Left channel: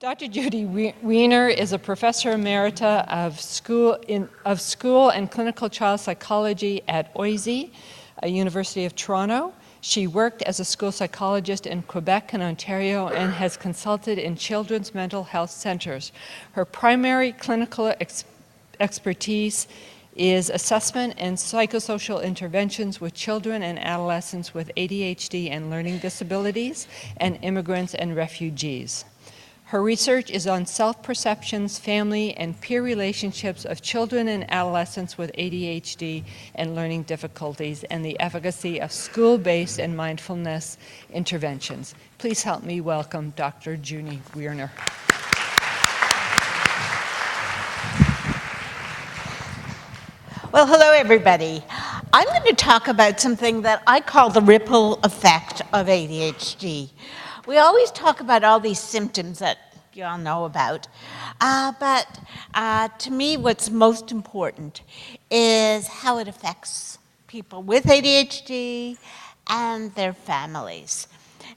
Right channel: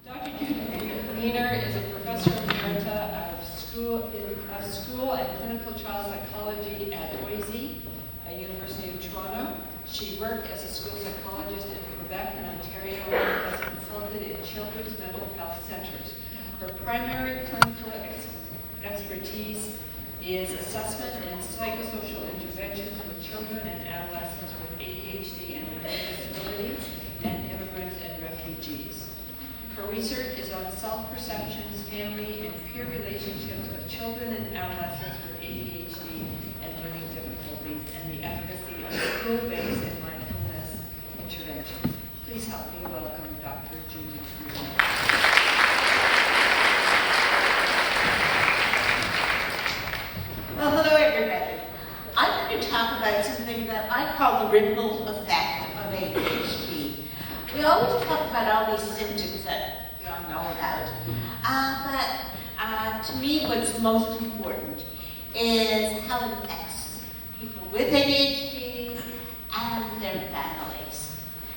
Dr. Judy Wiener is a professor emerita of school and clinical child psychology at OISE, University of Toronto. She worked as a school psychologist in Quebec and Ontario and has consulted in children's mental health centers. Her primary clinical expertise is assessment and psychosocial interventions with children and adolescents with ADHD and learning disabilities and immigrants and refugees. Her research is on self-perceptions, family, and peer relationships of children and adolescents with ADHD and learning difficulties, and the efficacy of school-based and mindfulness interventions. Please help me welcome Dr. Judy Wiener. Well, hello everybody. I'm going to talk about something that I call the ripple effect of ADHD. We always talk about all these symptoms that you all know about, but to me what's most important is how it affects people with ADHD and their families.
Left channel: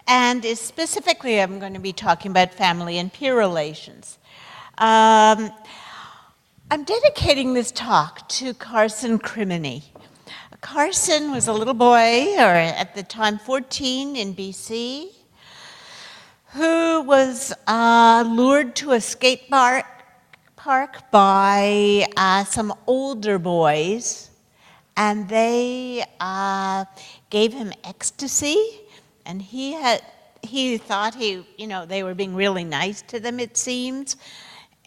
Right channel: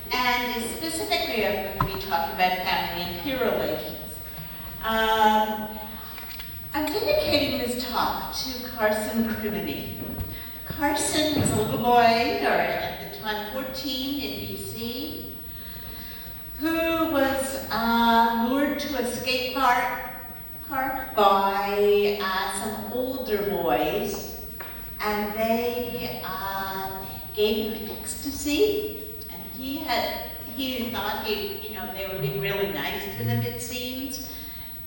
And specifically I'm going to be talking about family and peer relations. I'm dedicating this talk to Carson Crimini. Carson was a little boy, or at the time 14, in BC, who was lured to a skate park by some older boys, and they gave him ecstasy, and he thought they were being really nice to them, it seems,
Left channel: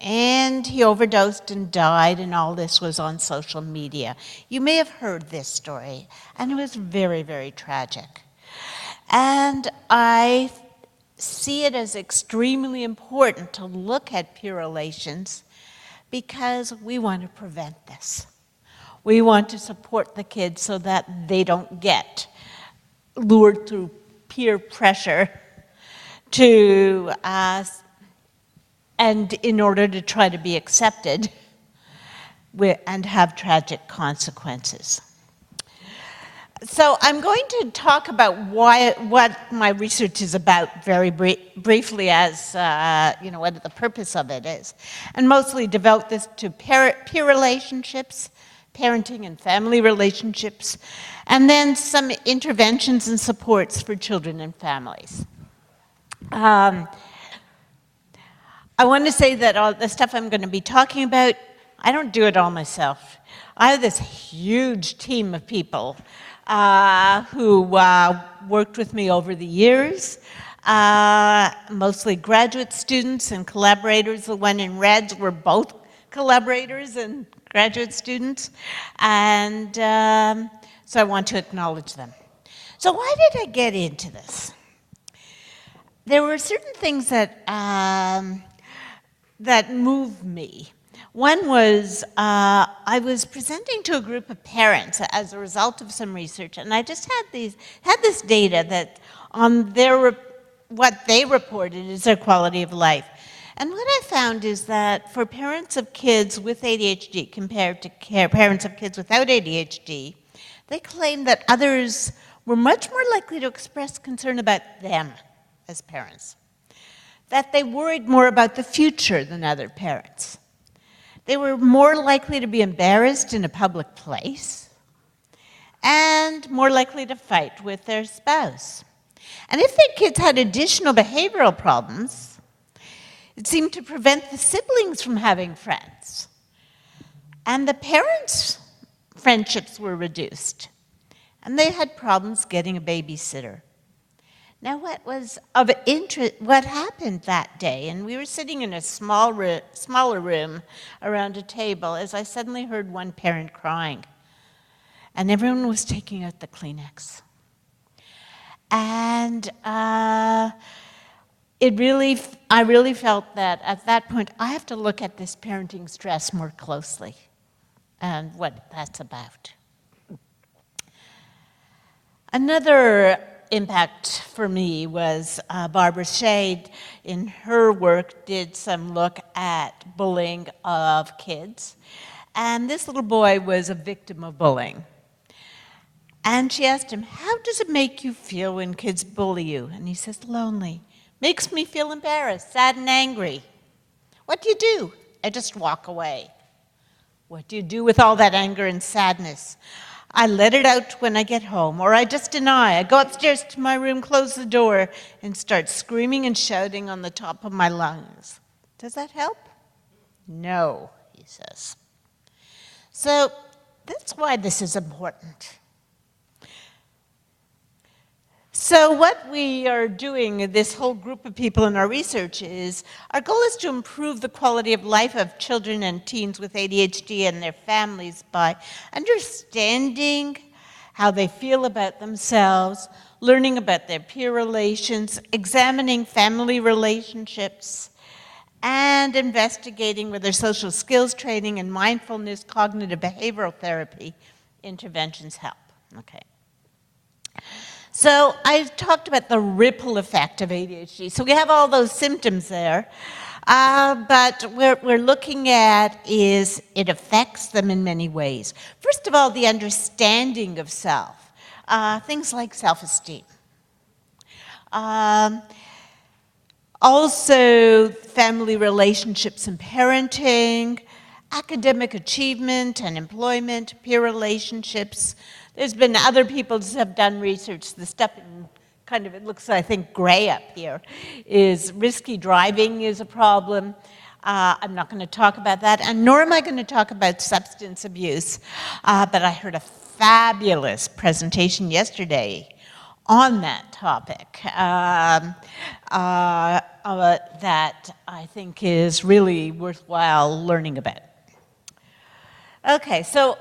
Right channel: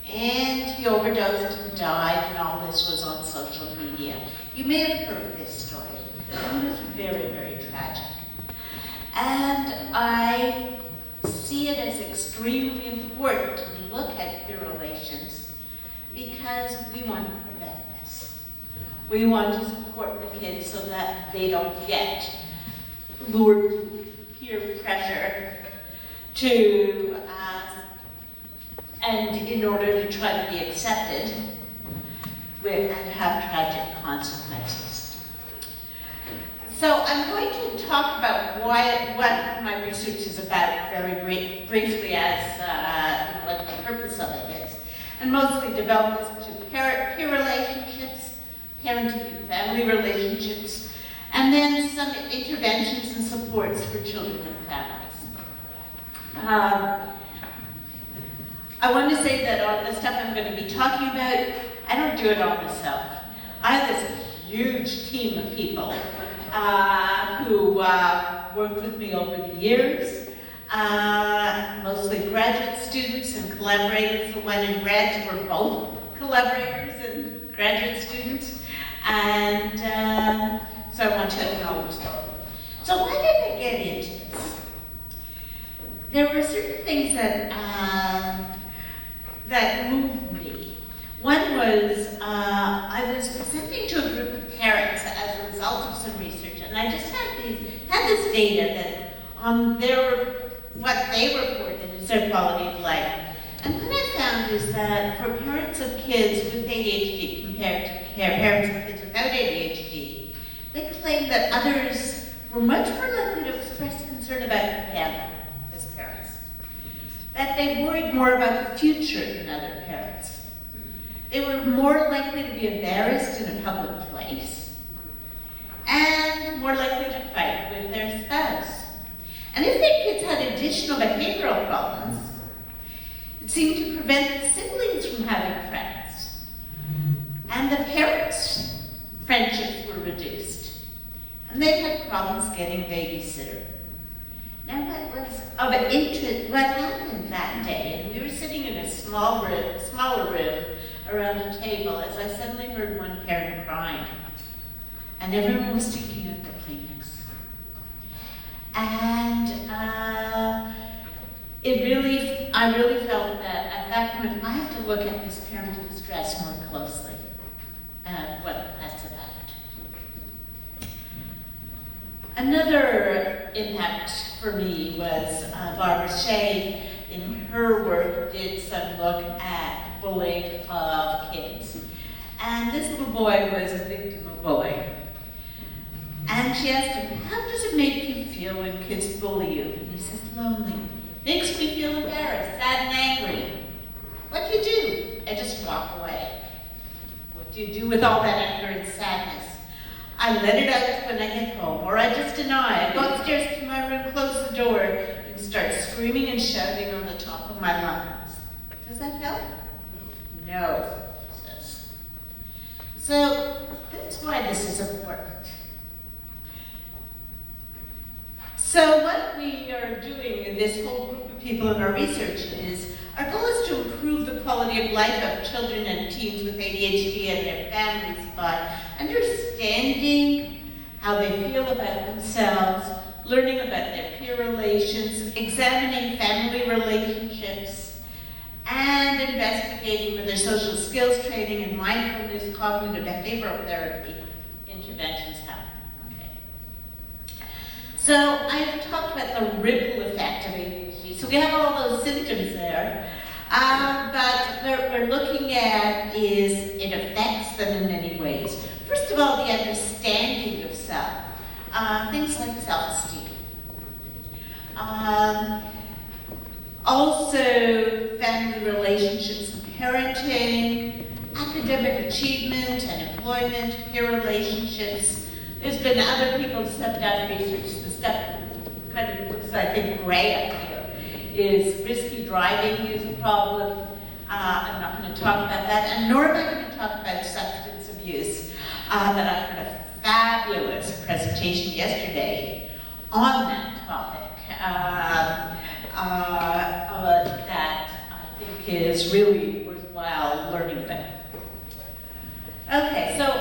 and he overdosed and died, and all this was on social media. You may have heard this story, and it was very, very tragic. And I see it as extremely important to look at peer relations because we want to prevent this. We want to support the kids so that they don't get lured through peer pressure to and in order to try to be accepted and have tragic consequences. So I'm going to talk about what my research is about very briefly as what the purpose of it is, and mostly devote this to peer relationships, parenting and family relationships, and then some interventions and supports for children and families. I want to say that all the stuff I'm going to be talking about, I don't do it all myself. I have this huge team of people who worked with me over the years, mostly graduate students and collaborators. The one in red were both collaborators and graduate students, and so I want to acknowledge them. So why did I get into this? There were certain things that moved me. One was, I was presenting to a group of parents as a result of some research, and I just had this data that on what they reported is their quality of life. And what I found is that for parents of kids with ADHD compared to parents of kids without ADHD, they claimed that others were much more likely to express concern about them as parents, that they worried more about the future than other parents. They were more likely to be embarrassed in a public place and more likely to fight with their spouse. And if their kids had additional behavioral problems, it seemed to prevent the siblings from having friends. And the parents' friendships were reduced. And they had problems getting a babysitter. Now what happened that day, and we were sitting in a smaller room around a table, as I suddenly heard one parent crying, and everyone was taking out the Kleenex. And I really felt that at that point, I have to look at this parenting stress more closely and what that's about. Another impact for me was Barbara Shea, in her work, did some look at bullying of kids. And this little boy was a victim of bullying. And she asked him, how does it make you feel when kids bully you? And he says, lonely. Makes me feel embarrassed, sad, and angry. What do you do? I just walk away. What do you do with all that anger and sadness? I let it out when I get home, or I just deny. I go upstairs to my room, close the door, and start screaming and shouting on the top of my lungs. Does that help? No, he says. So that's why this is important. So what we are doing, this whole group of people in our research is, our goal is to improve the quality of life of children and teens with ADHD and their families by understanding how they feel about themselves, learning about their peer relations, examining family relationships, and investigating whether social skills training and mindfulness, cognitive behavioral therapy interventions help. So I've talked about the ripple effect of ADHD. So we have all those symptoms there, but what we're looking at is it affects them in many ways. First of all, the understanding of self, things like self-esteem. Also, family relationships and parenting, academic achievement and employment, peer relationships. There's been other people who have done research. The stuff kind of looks, I think, gray up here. Is risky driving is a problem. I'm not going to talk about that, and nor am I going to talk about substance abuse. But I heard a fabulous presentation yesterday on that topic that I think is really worthwhile learning about. Okay, so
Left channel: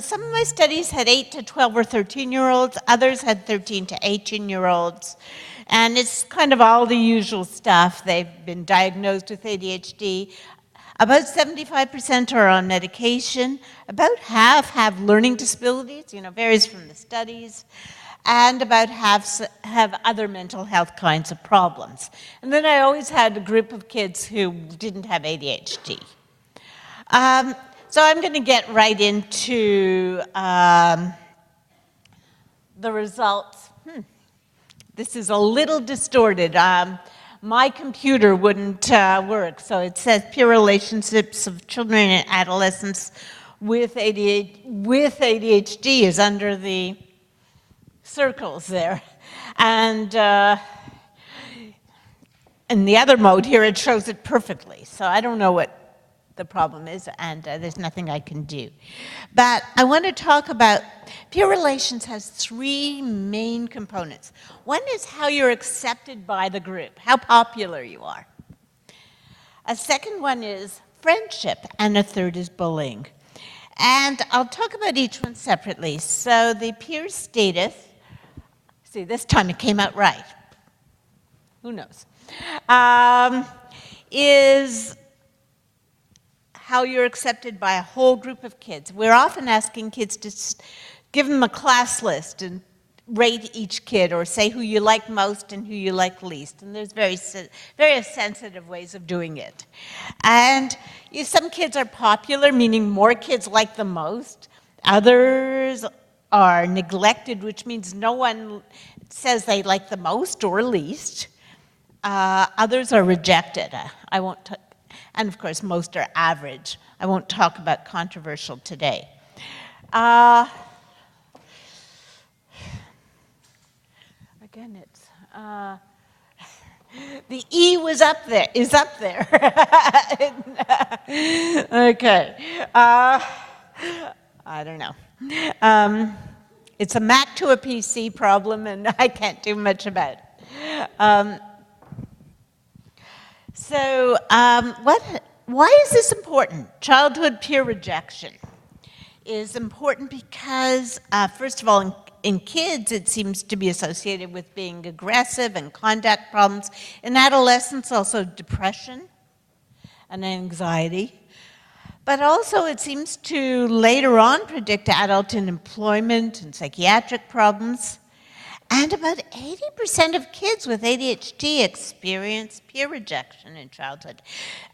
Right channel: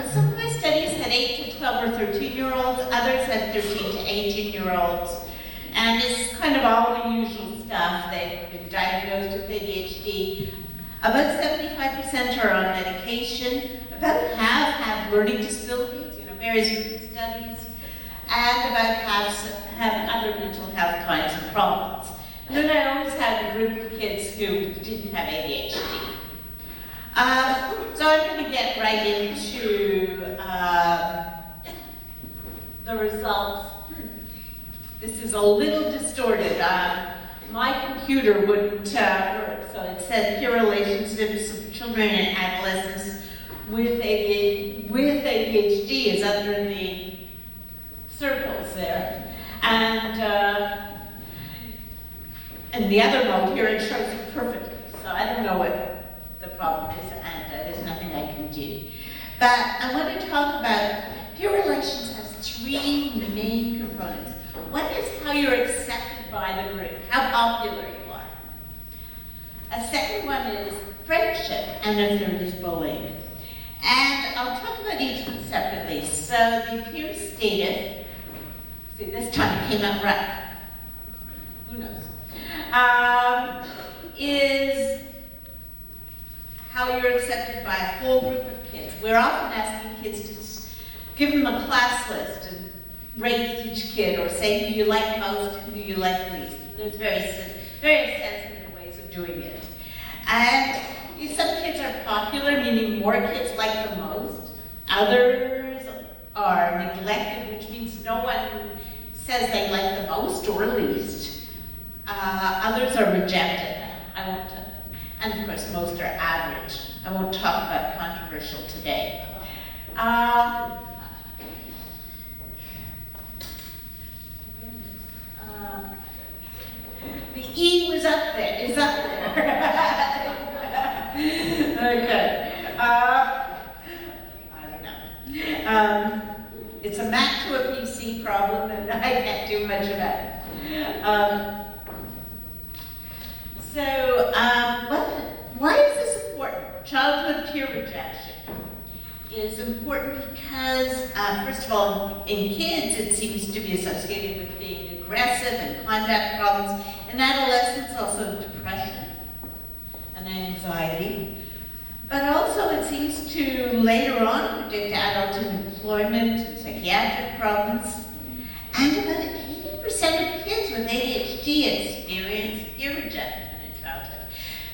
some of my studies had 8 to 12 or 13-year-olds, others had 13 to 18-year-olds, and it's kind of all the usual stuff. They've been diagnosed with ADHD. About 75% are on medication, about half have learning disabilities, varies from the studies, and about half have other mental health kinds of problems. And then I always had a group of kids who didn't have ADHD. So I'm going to get right into the results. This is a little distorted. My computer wouldn't work, so it says peer relationships of children and adolescents with ADHD is under the circles there. And in the other mode here, it shows it perfectly. So I don't know what the problem is, and there's nothing I can do. But I want to talk about peer relations has 3 main components. One is how you're accepted by the group, how popular you are. A second one is friendship, and a third is bullying. And I'll talk about each one separately. So the peer status, see, this time it came out right. Who knows? Is how you're accepted by a whole group of kids. We're often asking kids to give them a class list and rate each kid, or say who you like most and who you like least. And there's very sensitive ways of doing it. And some kids are popular, meaning more kids like them most. Others are neglected, which means no one says they like the most or least. Others are rejected. And of course, most are average. I won't talk about controversial today. The E is up there. Okay. I don't know. It's a Mac to a PC problem, and I can't do much about it. Why is this important? Childhood peer rejection is important because, first of all, in kids it seems to be associated with being aggressive and conduct problems. In adolescents, also depression and anxiety. But also it seems to later on predict adult unemployment and psychiatric problems. And about 80% of kids with ADHD experience peer rejection in childhood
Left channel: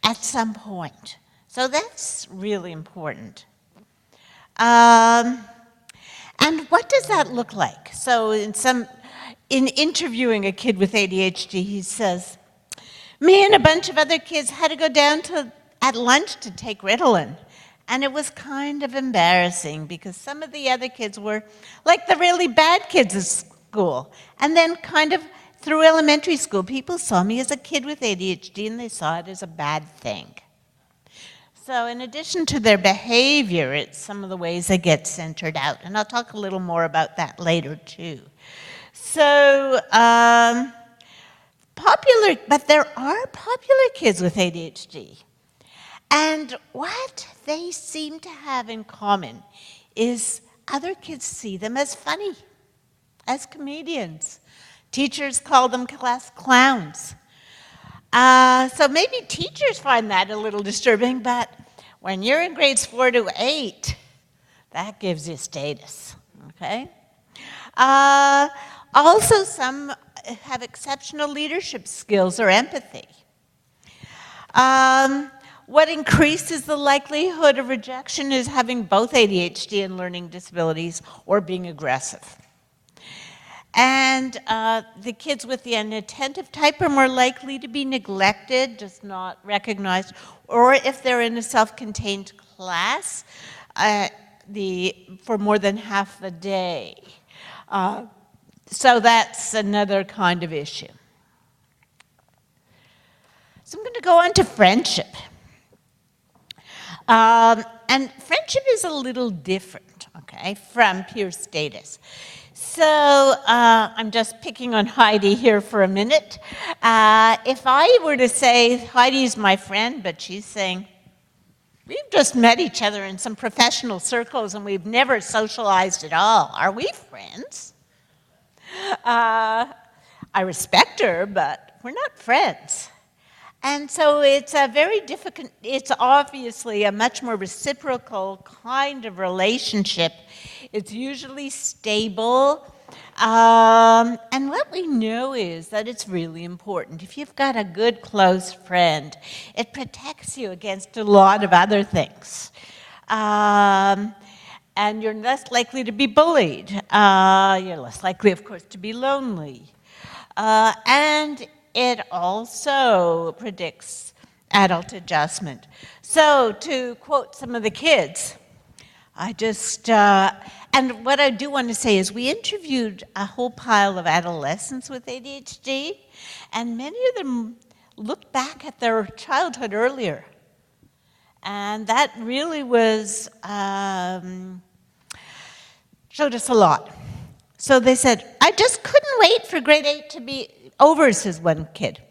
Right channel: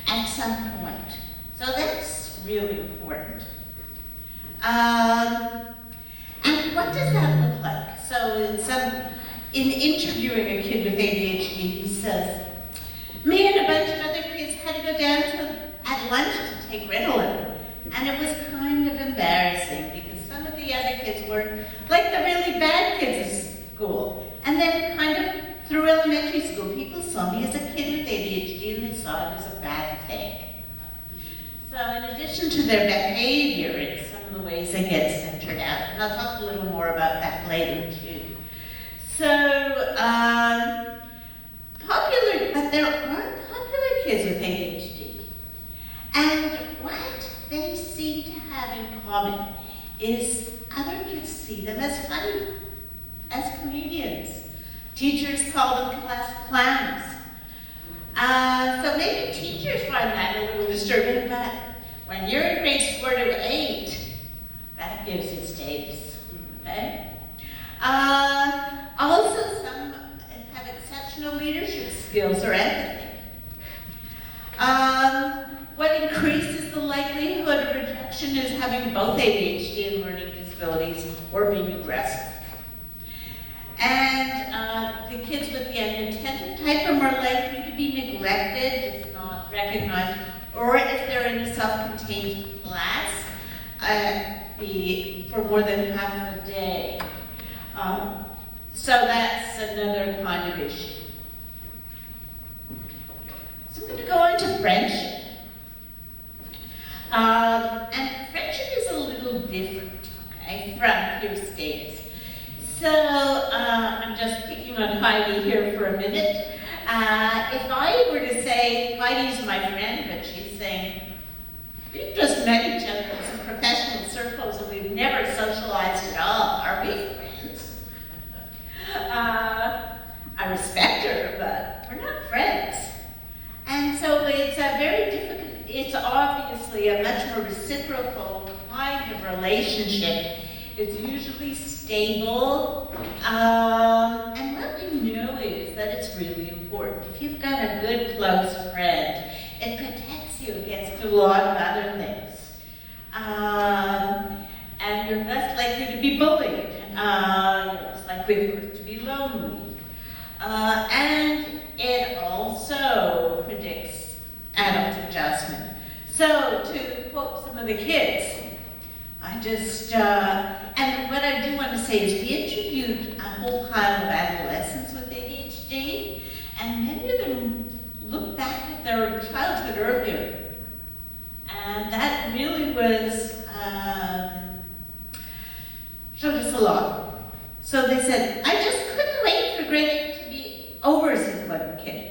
at some point. So that's really important. And what does that look like? So in interviewing a kid with ADHD, he says, me and a bunch of other kids had to go down at lunch to take Ritalin. And it was kind of embarrassing because some of the other kids were like the really bad kids at school. And then kind of through elementary school, people saw me as a kid with ADHD and they saw it as a bad thing. So in addition to their behavior, it's some of the ways they get centered out. And I'll talk a little more about that later too. So, but there are popular kids with ADHD. And what they seem to have in common is other kids see them as funny, as comedians. Teachers call them class clowns. So maybe teachers find that a little disturbing, but when you're in grades 4 to 8, that gives you status, okay? Also, some have exceptional leadership skills or empathy. What increases the likelihood of rejection is having both ADHD and learning disabilities or being aggressive. And the kids with the inattentive type are more likely to be neglected, just not recognized, or if they're in a self-contained class for more than half a day. So that's another kind of issue. So I'm going to go on to friendship. And friendship is a little different, okay, from pure status. So I'm just picking on Heidi here for a minute. If I were to say, Heidi's my friend, but she's saying, we've just met each other in some professional circles and we've never socialized at all. Are we friends? I respect her, but we're not friends. And so it's a very difficult, it's obviously a much more reciprocal kind of relationship. It's usually stable. And what we know is that it's really important. If you've got a good, close friend, it protects you against a lot of other things. And you're less likely to be bullied. You're less likely, of course, to be lonely. And it also predicts adult adjustment. So to quote some of the kids, and what I do want to say is we interviewed a whole pile of adolescents with ADHD, and many of them looked back at their childhood earlier. And that really was, showed us a lot. So they said, I just couldn't wait for grade 8 to be over, says one kid.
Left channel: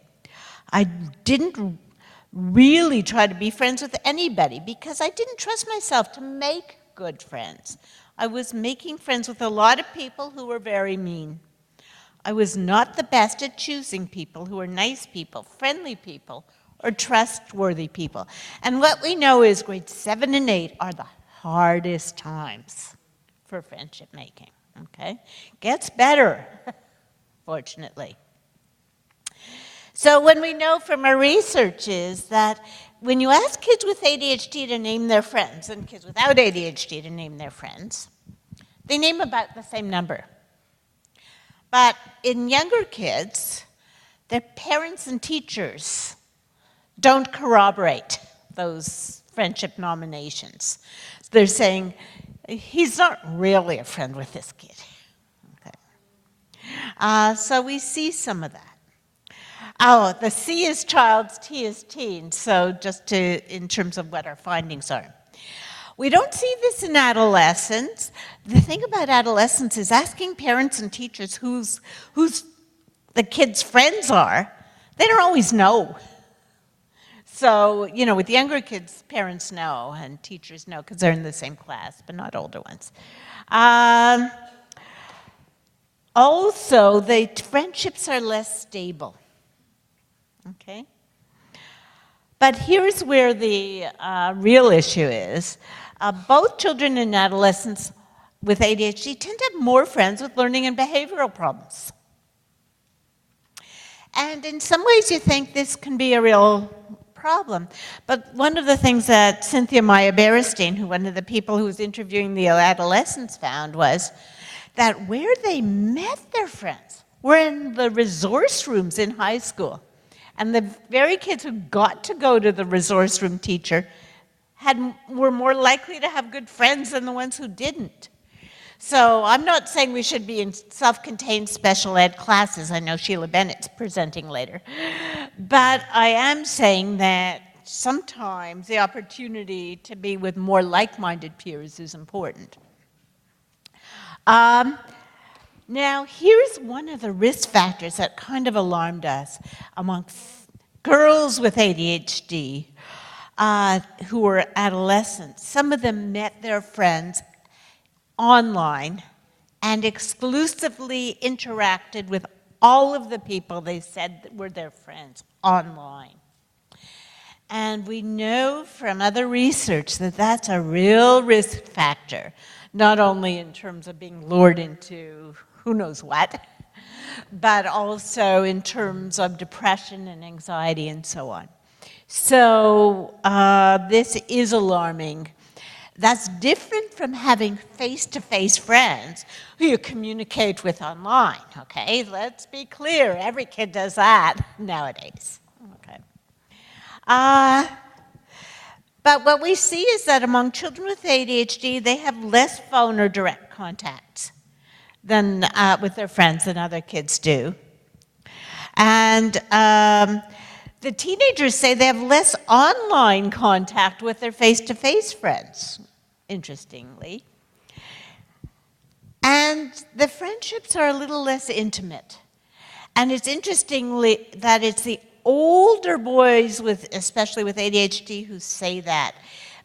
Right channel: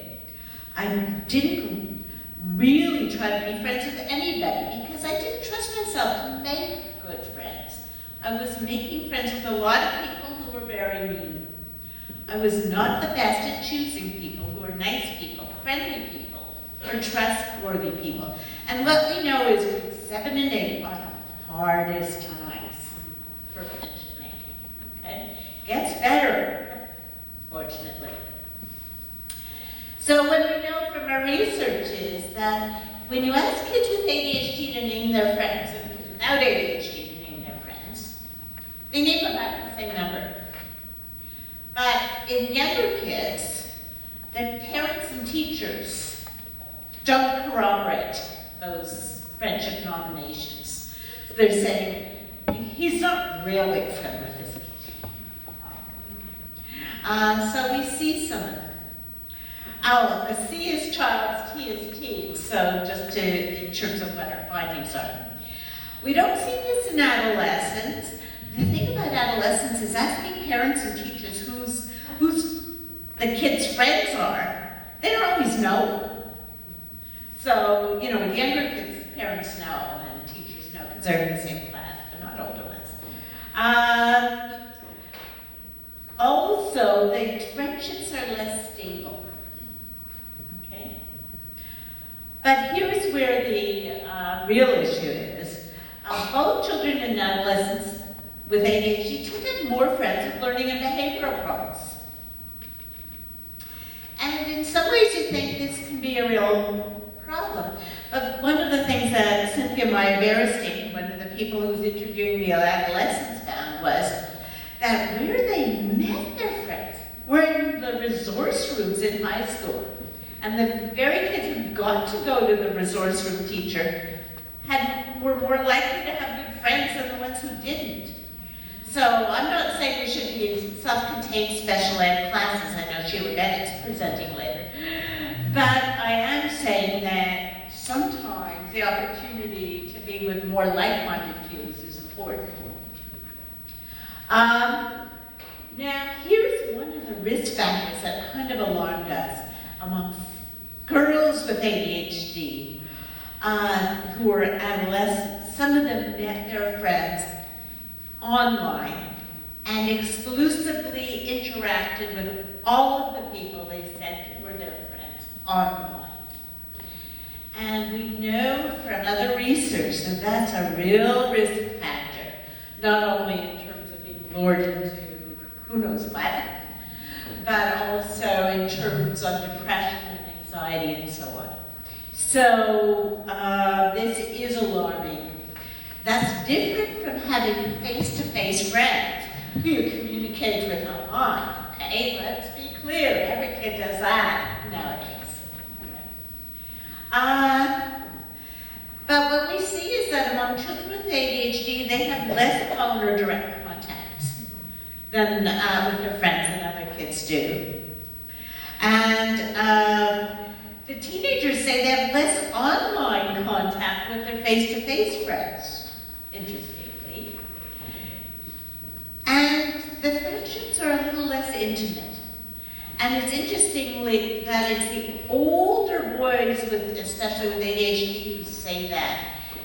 I didn't really try to be friends with anybody because I didn't trust myself to make good friends. I was making friends with a lot of people who were very mean. I was not the best at choosing people who are nice people, friendly people, or trustworthy people. And what we know is grades 7 and 8 are the hardest times for friendship making, okay? Gets better, fortunately. So what we know from our research is that when you ask kids with ADHD to name their friends and kids without ADHD to name their friends, they name about the same number. But in younger kids, their parents and teachers don't corroborate those friendship nominations. They're saying, he's not really a friend with this kid. So we see some of that. Oh, the C is child's, T is teen, so just in terms of what our findings are. We don't see this in adolescents. The thing about adolescents is asking parents and teachers who's the kids' friends are, they don't always know. So, with younger kids, parents know and teachers know because they're in the same class, but not older ones. Also, the friendships are less stable. Okay? But here's where the real issue is. Both children and adolescents with ADHD tend to have more friends with learning and behavioral problems. And in some ways you think this can be a real problem. But one of the things that Cynthia Meyer-Berestein, one of the people who was interviewing the adolescents, found was that where they met their friends were the resource rooms in high school. And the very kids who got to go to the resource room teacher were more likely to have good friends than the ones who didn't. So I'm not saying we should be in self-contained special ed classes. I know Sheila Bennett's presenting later. But I am saying that sometimes the opportunity to be with more like-minded peers is important. Now, here's one of the risk factors that kind of alarmed us among girls with ADHD who were adolescents. Some of them met their friends online and exclusively interacted with all of the people they said were their friends online. And we know from other research that that's a real risk factor, not only in terms of being lured into who knows what, but also in terms of depression and anxiety and so on. So this is alarming. That's different from having face-to-face friends who you communicate with online, okay? Let's be clear, every kid does that nowadays. Okay. But what we see is that among children with ADHD, they have less phone or direct contacts than with their friends than other kids do. And the teenagers say they have less online contact with their face-to-face friends, interestingly. And the friendships are a little less intimate. And it's interestingly that it's the older boys, especially with ADHD, who say that.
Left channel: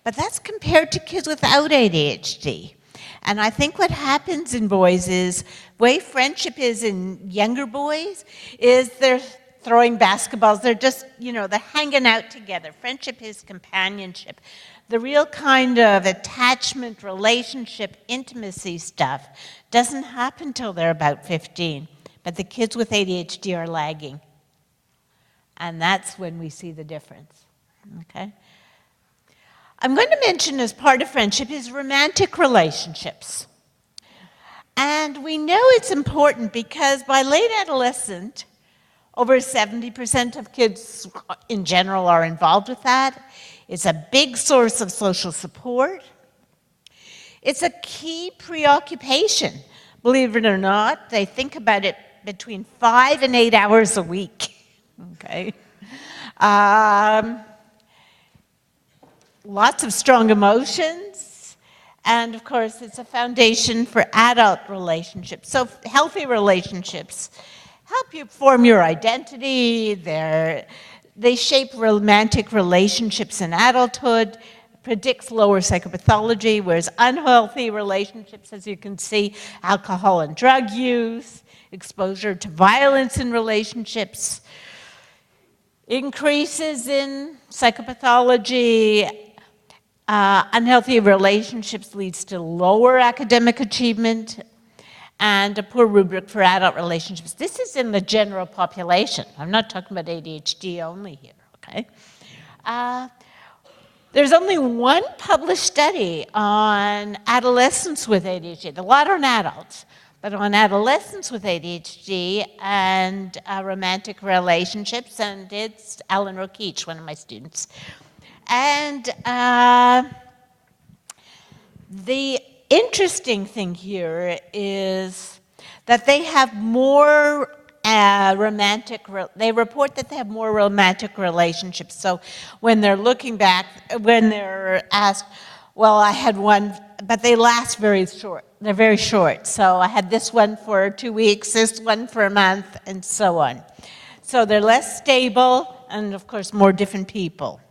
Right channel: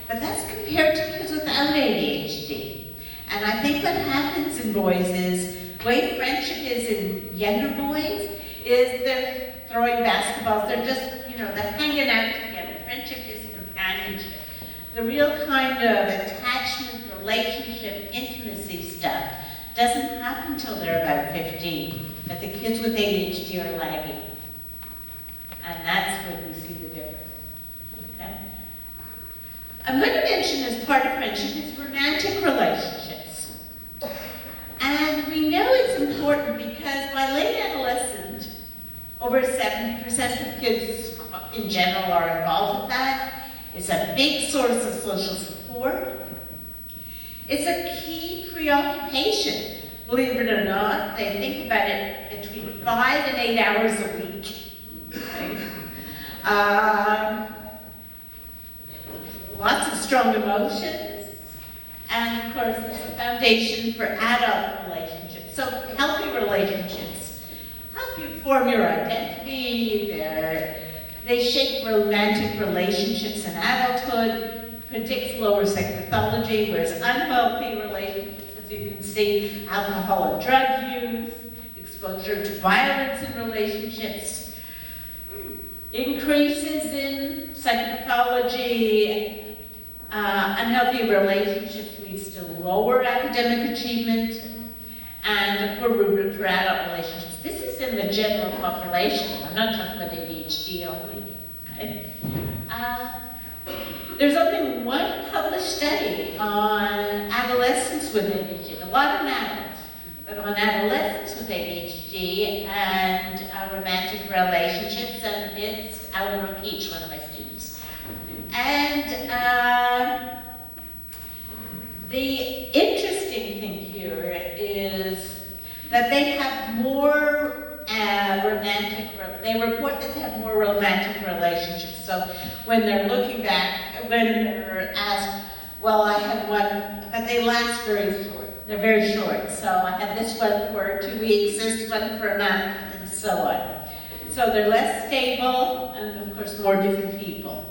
But that's compared to kids without ADHD. And I think what happens in boys is, the way friendship is in younger boys, is they're throwing basketballs, they're just, they're hanging out together. Friendship is companionship. The real kind of attachment, relationship, intimacy stuff doesn't happen till they're about 15. But the kids with ADHD are lagging. And that's when we see the difference, okay? I'm going to mention as part of friendship is romantic relationships. And we know it's important because by late adolescent, over 70% of kids in general are involved with that. It's a big source of social support. It's a key preoccupation. Believe it or not, they think about it between 5 and 8 hours a week. Okay. Lots of strong emotions, and of course it's a foundation for adult relationships. So healthy relationships help you form your identity, they shape romantic relationships in adulthood, predicts lower psychopathology, whereas unhealthy relationships, as you can see, alcohol and drug use, exposure to violence in relationships, increases in psychopathology, unhealthy relationships leads to lower academic achievement, and a poor rubric for adult relationships. This is in the general population. I'm not talking about ADHD only here, okay? There's only one published study on adolescents with ADHD, a lot on adults, but on adolescents with ADHD and romantic relationships, and it's Alan Rokeach, one of my students. And the interesting thing here is that they have more they report that they have more romantic relationships. So when they're looking back, when they're asked, well, I had one, but they last very short. They're very short. So I had this one for 2 weeks, this one for a month, and so on. So they're less stable, and of course, more different people.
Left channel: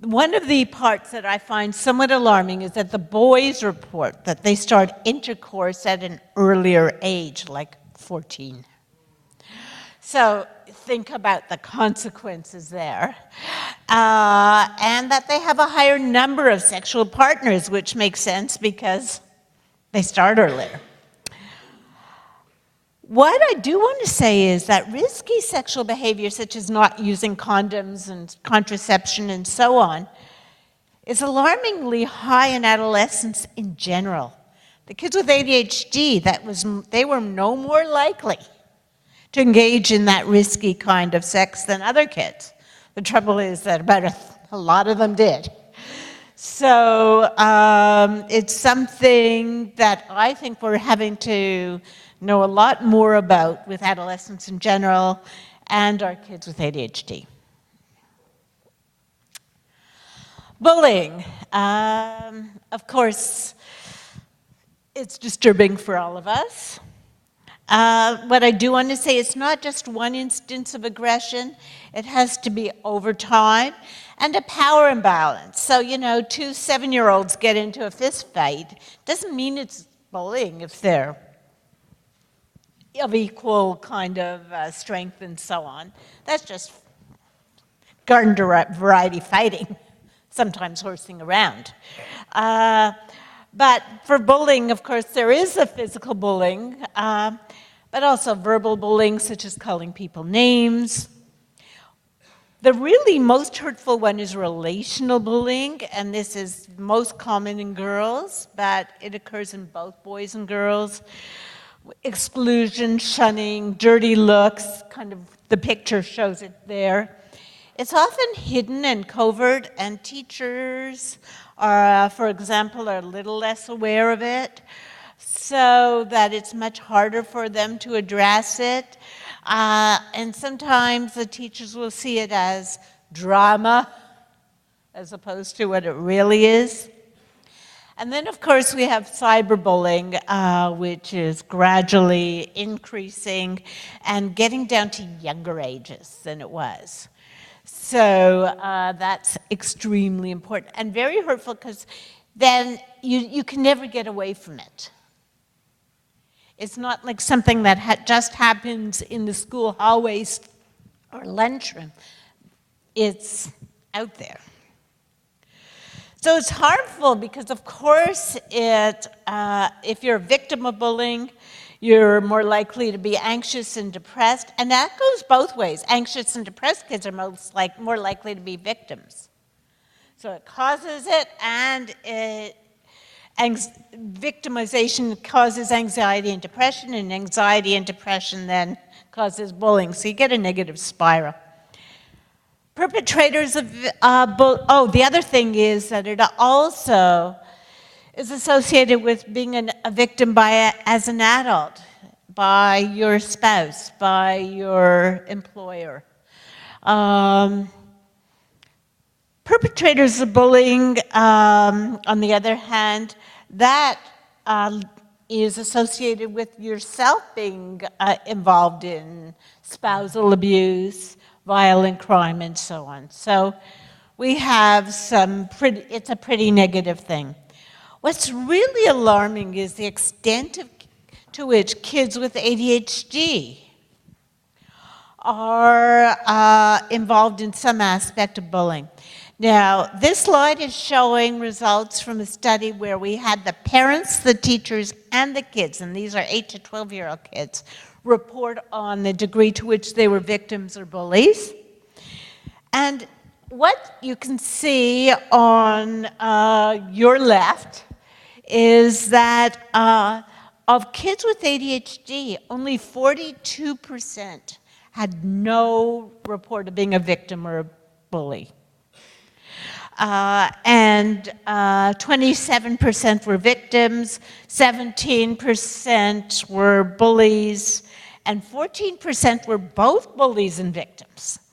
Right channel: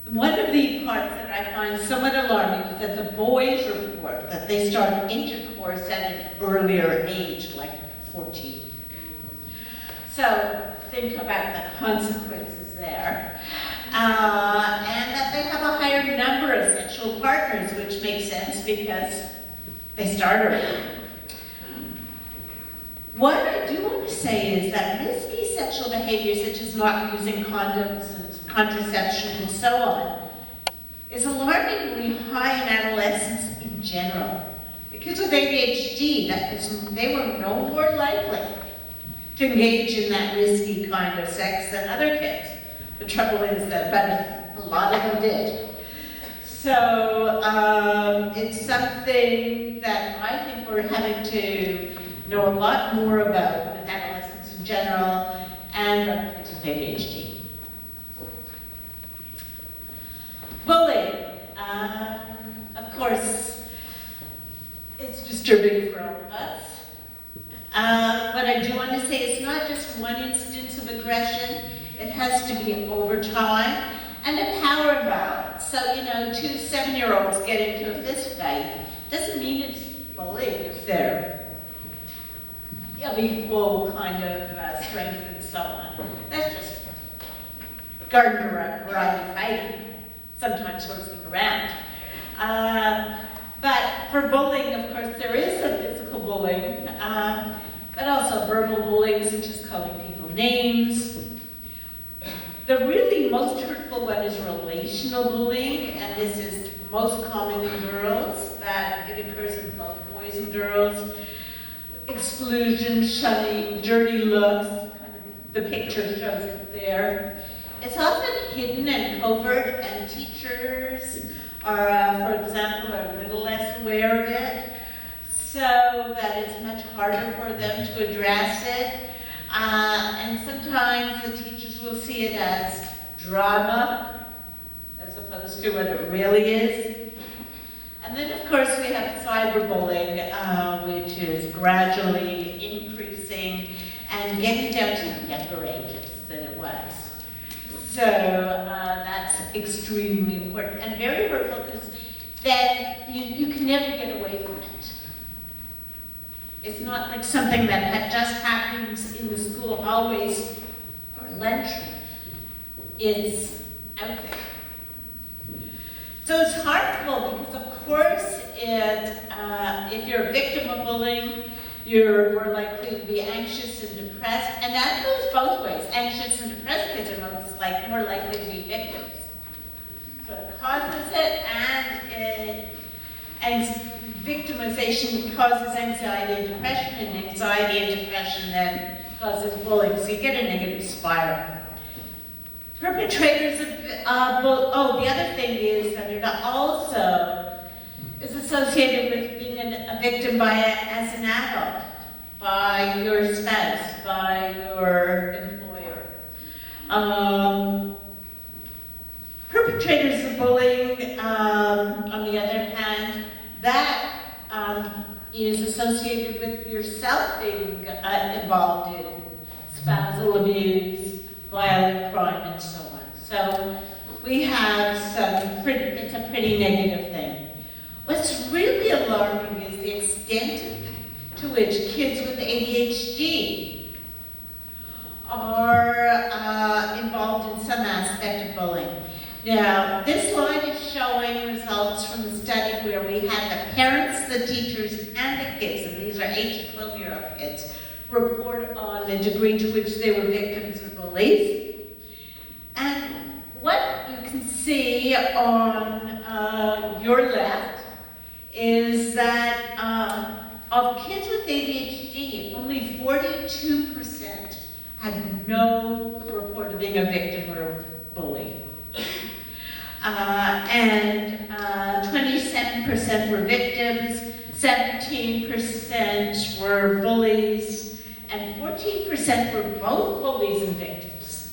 One of the parts that I find somewhat alarming is that the boys report that they start intercourse at an earlier age, like 14. So think about the consequences there. And that they have a higher number of sexual partners, which makes sense because they start early. What I do want to say is that risky sexual behavior, such as not using condoms and contraception and so on, is alarmingly high in adolescents in general. The kids with ADHD, they were no more likely to engage in that risky kind of sex than other kids. The trouble is that about a lot of them did. So it's something that I think we're having to know a lot more about with adolescents in general and our kids with ADHD. Bullying. Of course, it's disturbing for all of us. What I do want to say, it's not just one instance of aggression. It has to be over time and a power imbalance. So, you know, 2 7-year-olds get into a fist fight. Doesn't mean it's bullying if they're of equal kind of strength and so on. That's just garden variety fighting, sometimes horsing around. But for bullying, of course, there is a physical bullying, but also verbal bullying, such as calling people names. The really most hurtful one is relational bullying, and this is most common in girls, but it occurs in both boys and girls. Exclusion, shunning, dirty looks, kind of the picture shows it there. It's often hidden and covert, and teachers are, for example, are a little less aware of it, so that it's much harder for them to address it. And sometimes the teachers will see it as drama as opposed to what it really is. And then, of course, we have cyberbullying, which is gradually increasing and getting down to younger ages than it was. So that's extremely important and very hurtful, because then you can never get away from it. It's not like something that just happens in the school hallways or lunchroom. It's out there. So it's harmful because, of course, if you're a victim of bullying, you're more likely to be anxious and depressed. And that goes both ways. Anxious and depressed kids are more likely to be victims. So it causes it, and victimization causes anxiety and depression, and anxiety and depression then causes bullying. So you get a negative spiral. Perpetrators of, the other thing is that it also is associated with being a victim as an adult, by your spouse, by your employer. Perpetrators of bullying, on the other hand, that is associated with yourself being involved in spousal abuse, violent crime, and so on. So we have it's a pretty negative thing. What's really alarming is the extent to which kids with ADHD are involved in some aspect of bullying. Now, this slide is showing results from a study where we had the parents, the teachers, and the kids, and these are 8 to 12-year-old kids, report on the degree to which they were victims or bullies. And what you can see on your left is that of kids with ADHD, only 42% had no report of being a victim or bully. And 27% were victims, 17% were bullies, and 14% were both bullies and victims.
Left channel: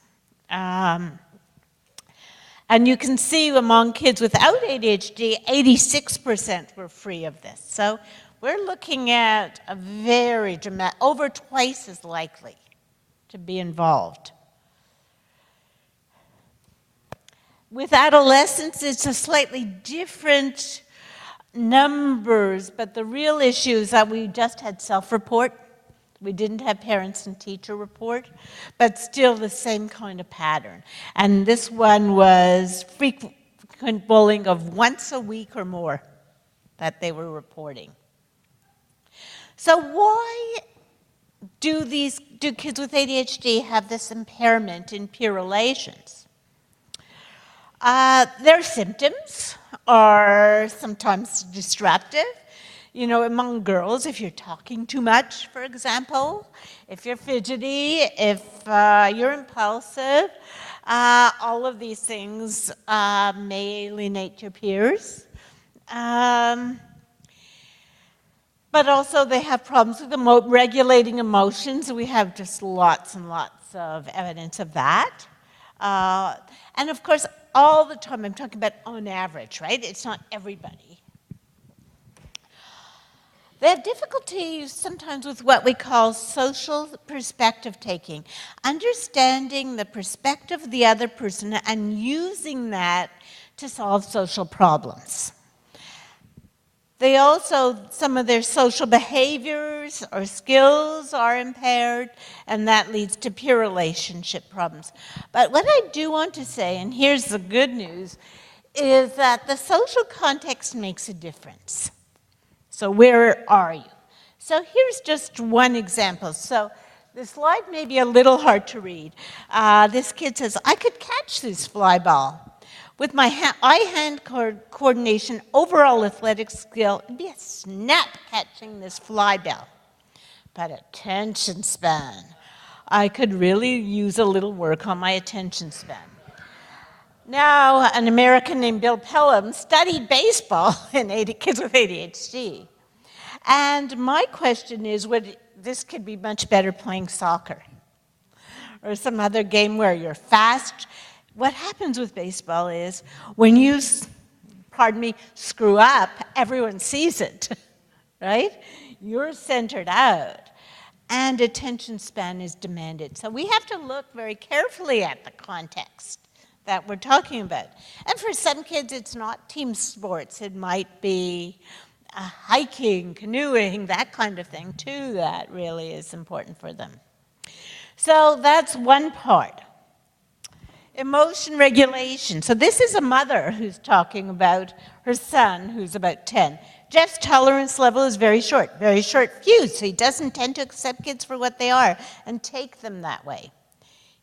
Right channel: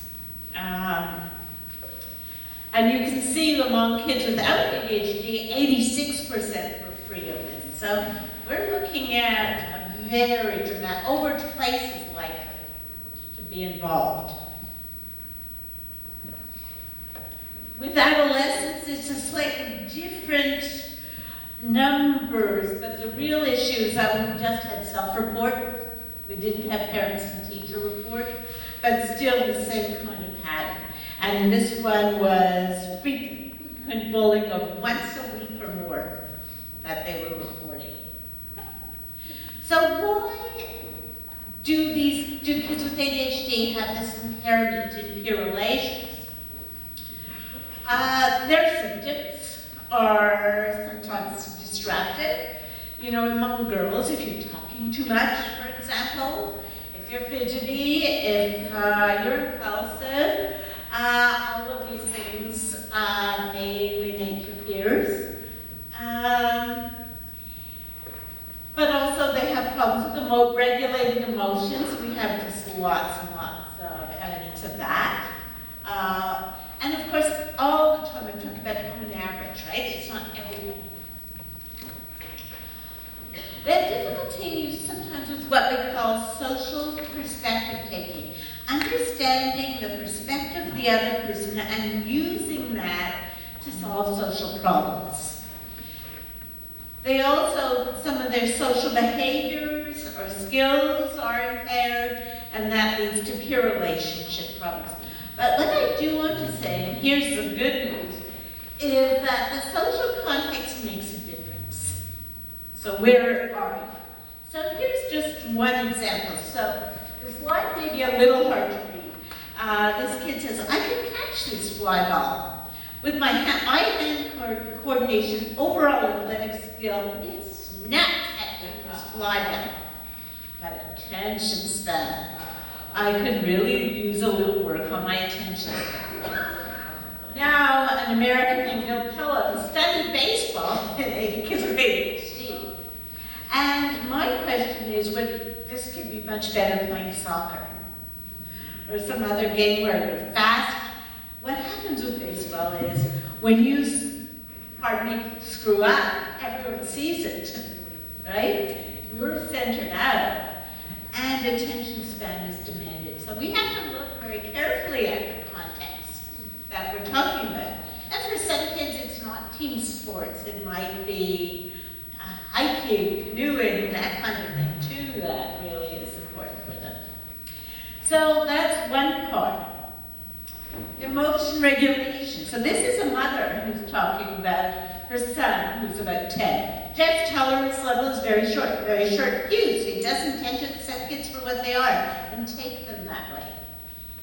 And you can see among kids without ADHD, 86% were free of this. So we're looking at a very dramatic, over twice as likely to be involved. With adolescents, it's a slightly different numbers, but the real issue is that we just had self-report. We didn't have parents and teacher report, but still the same kind of pattern. And this one was frequent bullying of once a week or more that they were reporting. So why do kids with ADHD have this impairment in peer relations? Their symptoms are sometimes disruptive. among girls, if you're talking too much, for example, if you're fidgety, if you're impulsive, all of these things may alienate your peers. But also they have problems with regulating emotions. We have just lots and lots of evidence of that. And of course, all the time I'm talking about on average, right? It's not everybody. They have difficulties sometimes with what we call social perspective taking, understanding the perspective of the other person and using that to solve social problems. They also, some of their social behaviors or skills are impaired, and that leads to peer relationship problems. But what I do want to say, and here's the good news, is that the social context makes a difference. So where are you? So here's just one example. So this slide may be a little hard to read. This kid says, I could catch this fly ball. With my eye-hand coordination, overall athletic skill, it'd be a snap catching this fly ball. But attention span. I could really use a little work on my attention span. Now, an American named Bill Pelham studied baseball in kids with ADHD. And my question is, this could be much better playing soccer or some other game where you're fast. What happens with baseball is when you, screw up, everyone sees it, right? You're centered out, and attention span is demanded. So we have to look very carefully at the context that we're talking about. And for some kids, it's not team sports. It might be hiking, canoeing, that kind of thing too, that really is important for them. So that's one part. Emotion regulation. So this is a mother who's talking about her son, who's about 10. Jeff's tolerance level is very short fuse, so he doesn't tend to accept kids for what they are and take them that way.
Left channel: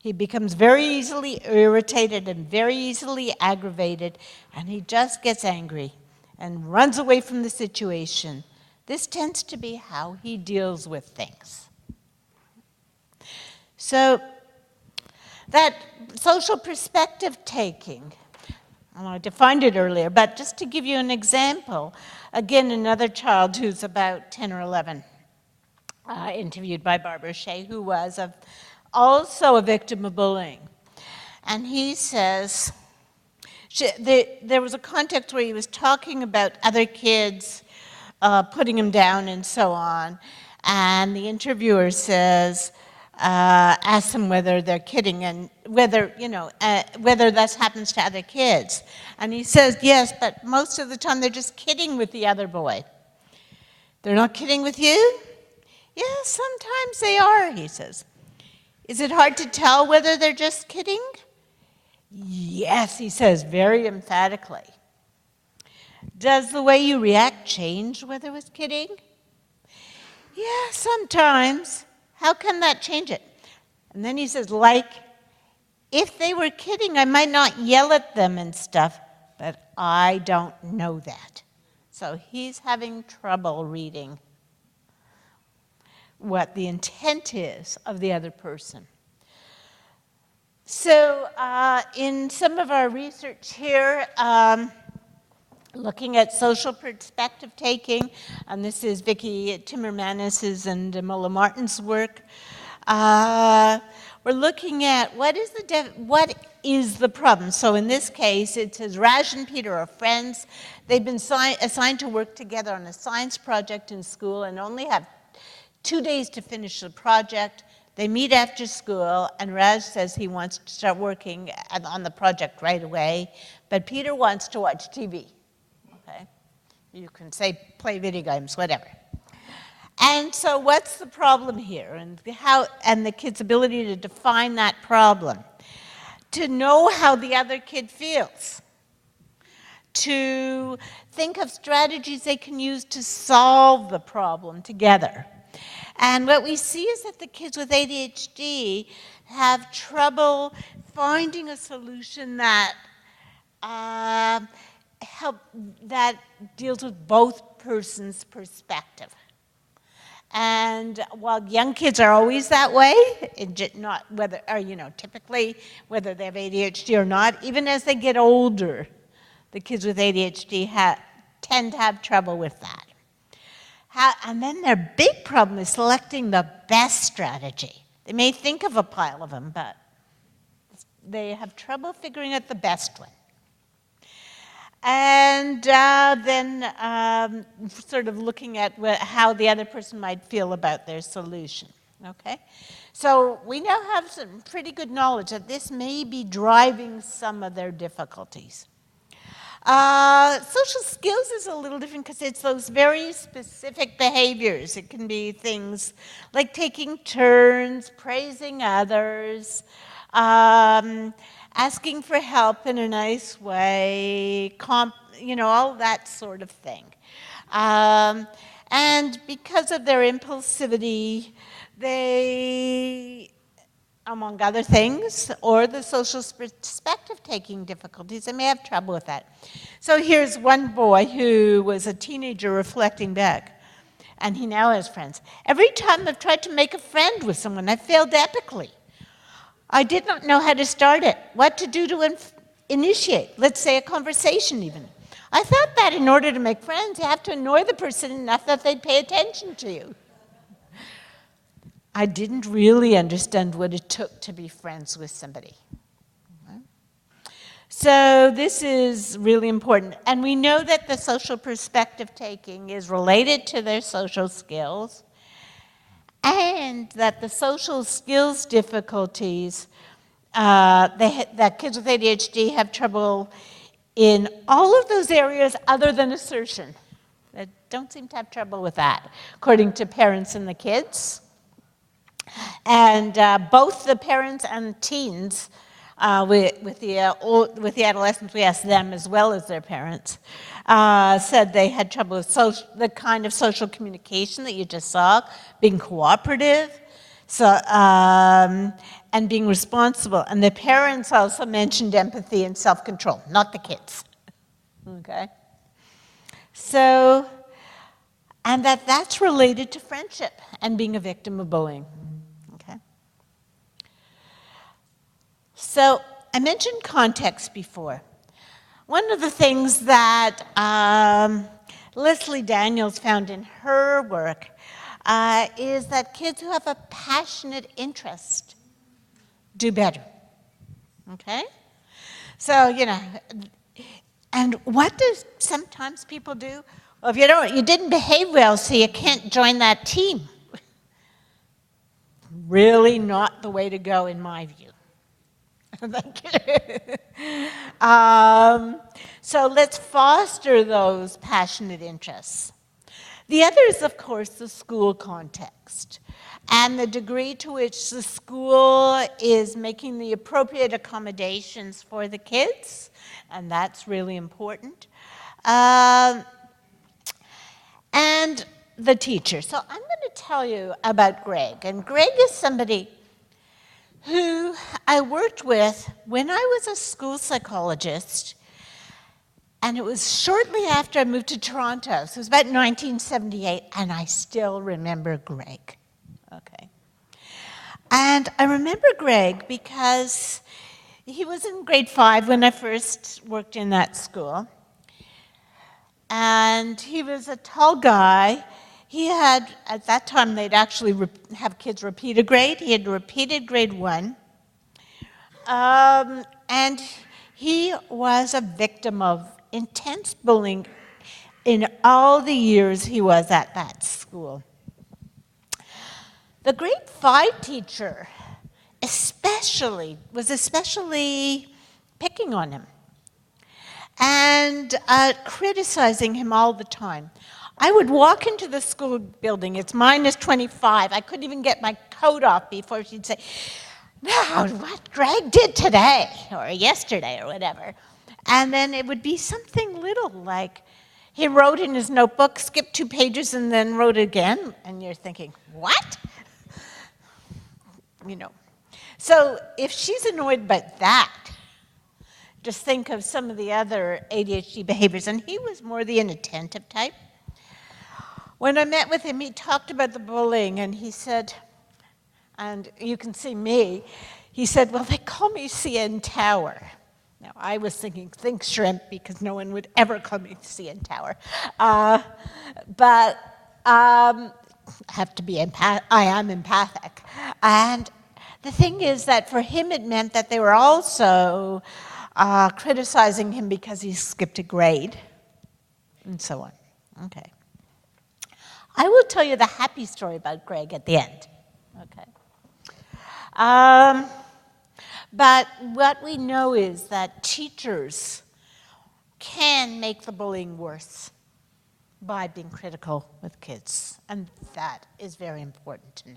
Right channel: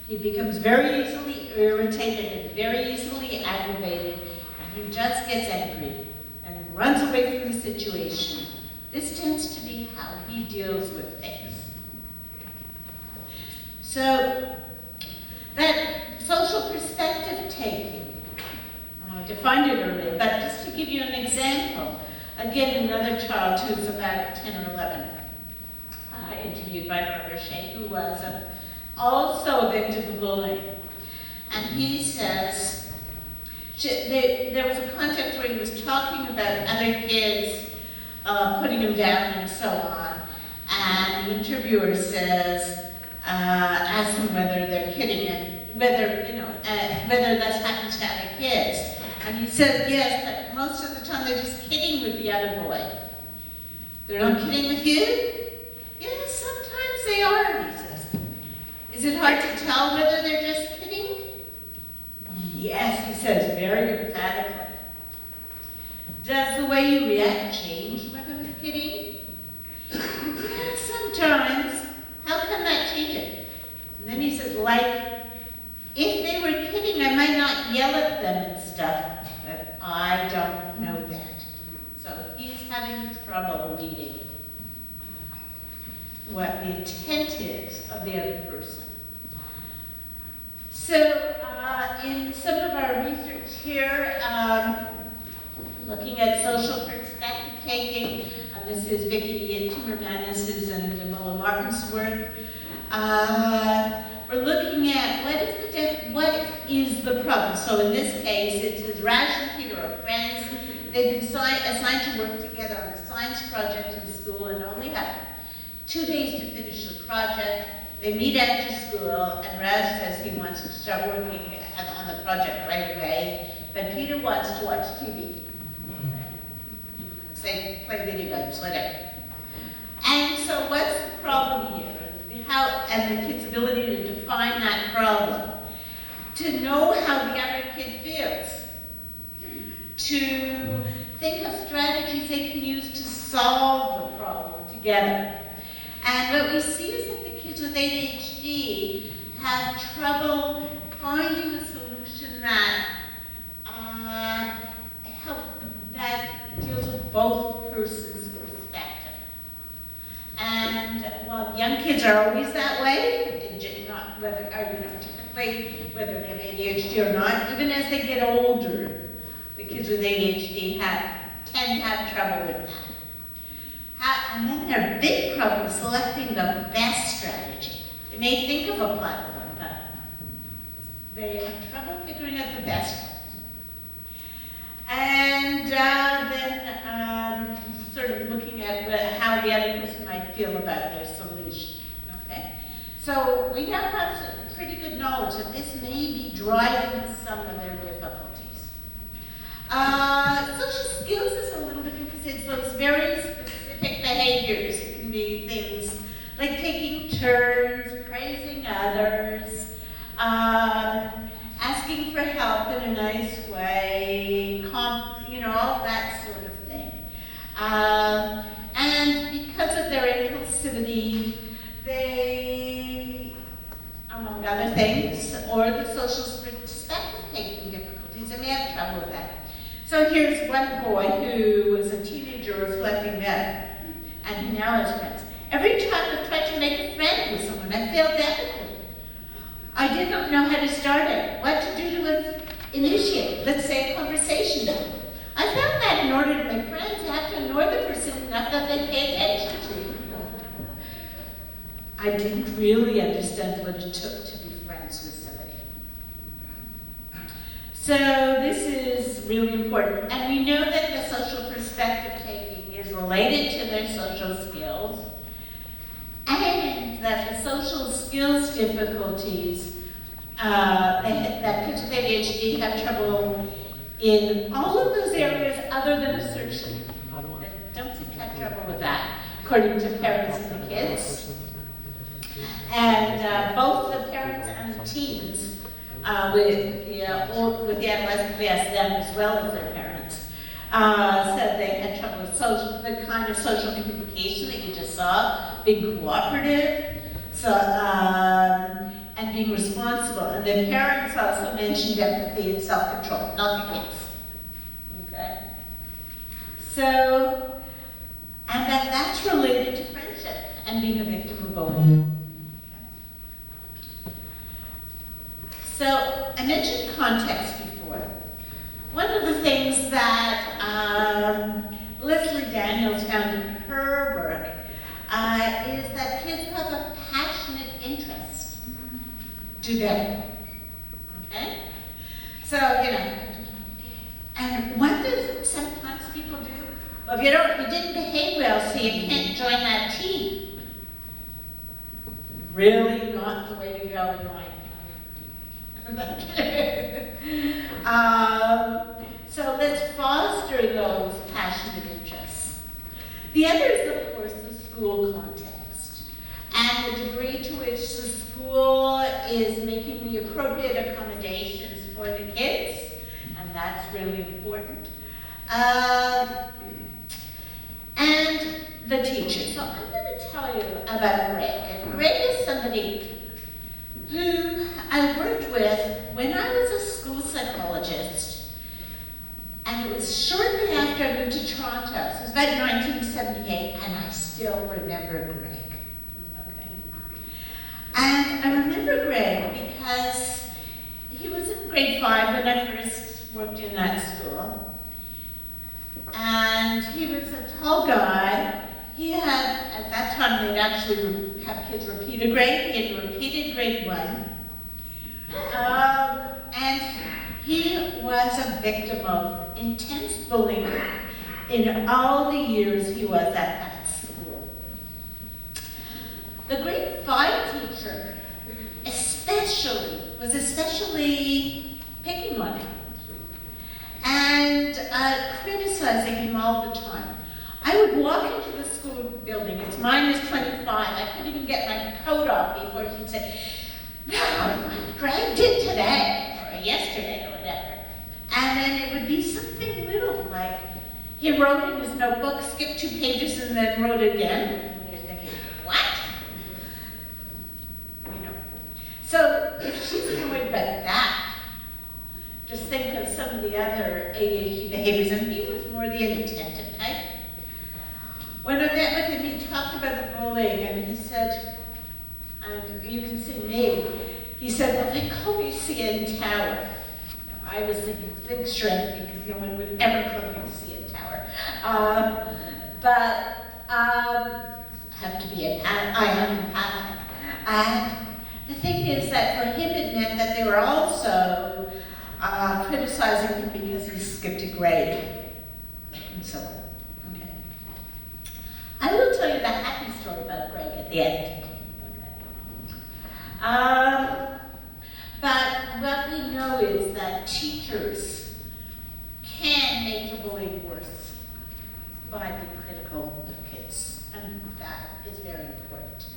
He becomes very easily irritated and very easily aggravated, and he just gets angry and runs away from the situation. This tends to be how he deals with things. So that social perspective taking, I defined it earlier, but just to give you an example, again, another child who's about 10 or 11, interviewed by Barbara Shea, who was also a victim of bullying. And he says, there was a context where he was talking about other kids, putting them down and so on, and the interviewer says, asks them whether they're kidding and whether that happens to other kids. And he says, yes, but most of the time they're just kidding with the other boy. They're not kidding with you? Yes, sometimes they are, he says. Is it hard to tell whether they're just kidding? Yes, he says, very emphatically. Does the way you react change whether it was kidding? Yeah, sometimes. How can that change it? And then he says, if they were kidding, I might not yell at them and stuff, but I don't know that. So he's having trouble reading what the intent is of the other person. So in some of our research here, looking at social perspective taking, and this is Vicki Timmermanis's and Mola Martin's work, we're looking at what is the problem. So in this case, it says Raj and Peter are friends. They've been assigned to work together on a science project in school and only have 2 days to finish the project. They meet after school, and Raj says he wants to start working on the project right away, but Peter wants to watch TV. Okay. You can say play video games, whatever. And so what's the problem here? And the kid's ability to define that problem. To know how the other kid feels. To think of strategies they can use to solve the problem together. And what we see is that the kids with ADHD have trouble finding a solution that deals with both persons' perspective. And while young kids are always that way, not whether, or, typically whether they have ADHD or not, even as they get older, the kids with ADHD tend to have trouble with that. And then their big problem is selecting the best strategy. They may think of a plan of them, but they have trouble figuring out the best one. And then sort of looking at how the other person might feel about their solution, okay? So we now have some pretty good knowledge that this may be driving some of their difficulties. Social skills is a little different because it's those very specific behaviors. It can be things like taking turns, praising others, asking for help in a nice way, all that sort of thing. And because of their impulsivity, they, among other things, or the social perspective-taking difficulties, they may have trouble with that. So here's one boy who was a teenager reflecting back, and he now has friends. Every time I've tried to make a friend with someone, I failed epically. I did not know how to start it, what to do to initiate, let's say, a conversation. I found that in order to make friends, you have to annoy the person enough that they pay attention to you. I didn't really understand what it took to be friends with somebody. So this is really important. And we know that the social perspective taking is related to their social skills, and that the social skills difficulties, that kids with ADHD have trouble in all of those areas other than assertion. They don't seem to have trouble with that, according to parents and the kids. And both the parents and teens, with the adolescents, we asked them as well as their parents, said they had trouble with the kind of social communication that you just saw, being cooperative, and being responsible. And the parents also mentioned empathy and self-control, not the kids. Okay? So, and that's related to friendship and being a victim of bullying. Okay? So, I mentioned context before. One of the things that Leslie Daniels found in her work is that kids who have a passionate interest do better. Okay? So, and what do sometimes people do? Well, if you didn't behave well, so you can't join that team. Really not the way to go in my view. So let's foster those passionate interests. The other is, of course, the school context and the degree to which the school is making the appropriate accommodations for the kids, and that's really important. And the teacher. So I'm going to tell you about Greg. And Greg is somebody who I worked with when I was a school psychologist. And it was shortly after I moved to Toronto. So it was about 1978, and I still remember Greg. Okay. And I remember Greg because he was in grade 5 when I first worked in that school. And he was a tall guy. He had, at that time, they'd actually have kids repeat a grade. He had repeated grade 1. And he was a victim of intense bullying in all the years he was at that school. The grade 5 teacher was especially picking on him and criticizing him all the time. I would walk into the school building, it's minus 25, I couldn't even get my coat off before she'd say, "Wow, what Greg did today," or yesterday, or whatever. And then it would be something little, like he wrote in his notebook, skipped 2 pages, and then wrote again. And you're thinking, what? So if she's annoyed by that, just think of some of the other ADHD behaviors, and he was more the inattentive type. When I met with him, he talked about the bullying, and he said, and you can see me, he said, well, they call me CN Tower. Now, I was thinking, think shrink, because no one would ever call me CN Tower. But I have to be I am empathic. And the thing is that for him it meant that they were also criticizing him because he skipped a grade, and so on. Okay. I will tell you the happy story about Greg at the end. Okay. But what we know is that teachers can make the bullying worse by being critical of kids, and that is very important to know.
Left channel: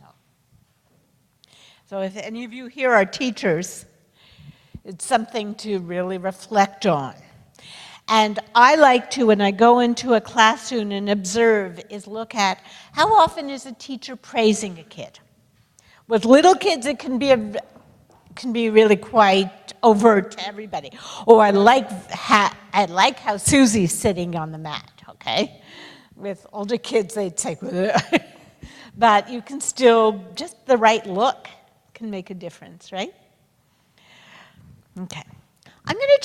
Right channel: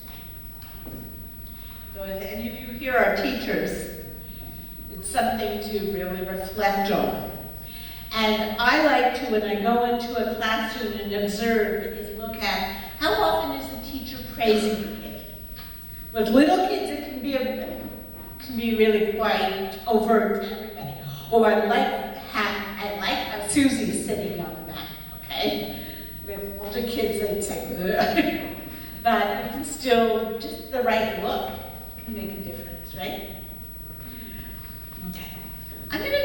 So if any of you here are teachers, it's something to really reflect on. And I like to, when I go into a classroom and observe, is look at how often is a teacher praising a kid. With little kids, it can be really quite overt to everybody. Oh, I like how Susie's sitting on the mat, okay? With older kids, they'd say, ugh. But you can still, just the right look can make a difference, right? Okay. I'm going to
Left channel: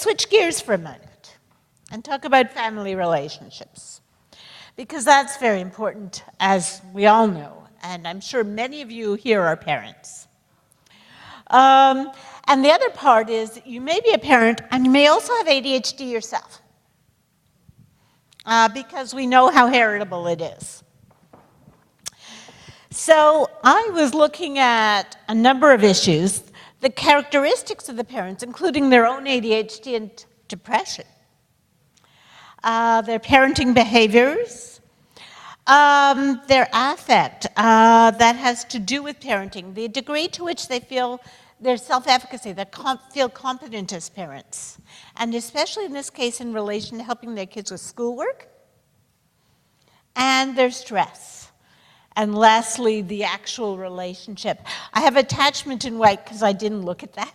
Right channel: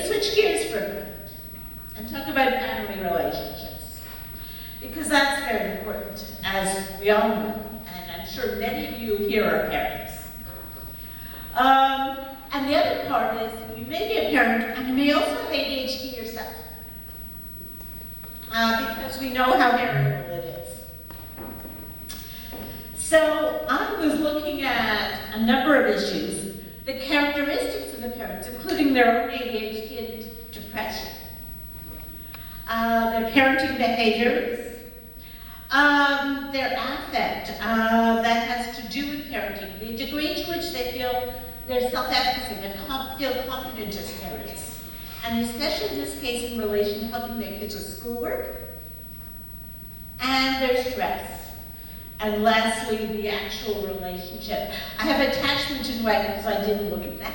switch gears for a moment and talk about family relationships, because that's very important, as we all know, and I'm sure many of you here are parents. And the other part is you may be a parent and you may also have ADHD yourself, because we know how heritable it is. So I was looking at a number of issues, the characteristics of the parents, including their own ADHD and depression, their parenting behaviors, their affect that has to do with parenting, the degree to which they feel their self-efficacy, they feel confident as parents, and especially in this case in relation to helping their kids with schoolwork, and their stress. And lastly, the actual relationship. I have attachment in white because I didn't look at that,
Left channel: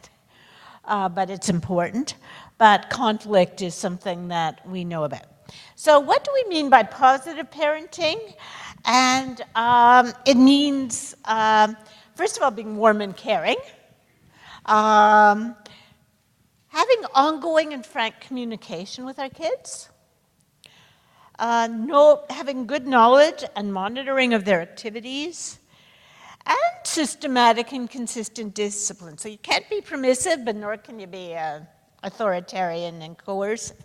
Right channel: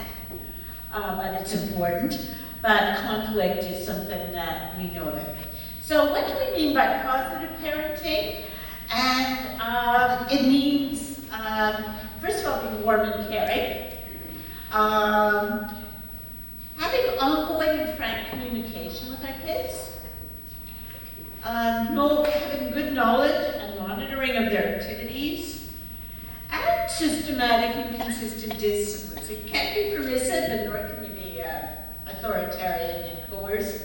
but it's important. But conflict is something that we know about. So what do we mean by positive parenting? And it means, first of all, being warm and caring, having ongoing and frank communication with our kids, having good knowledge and monitoring of their activities, and systematic and consistent discipline. So you can't be permissive, but nor can you be authoritarian and coercive.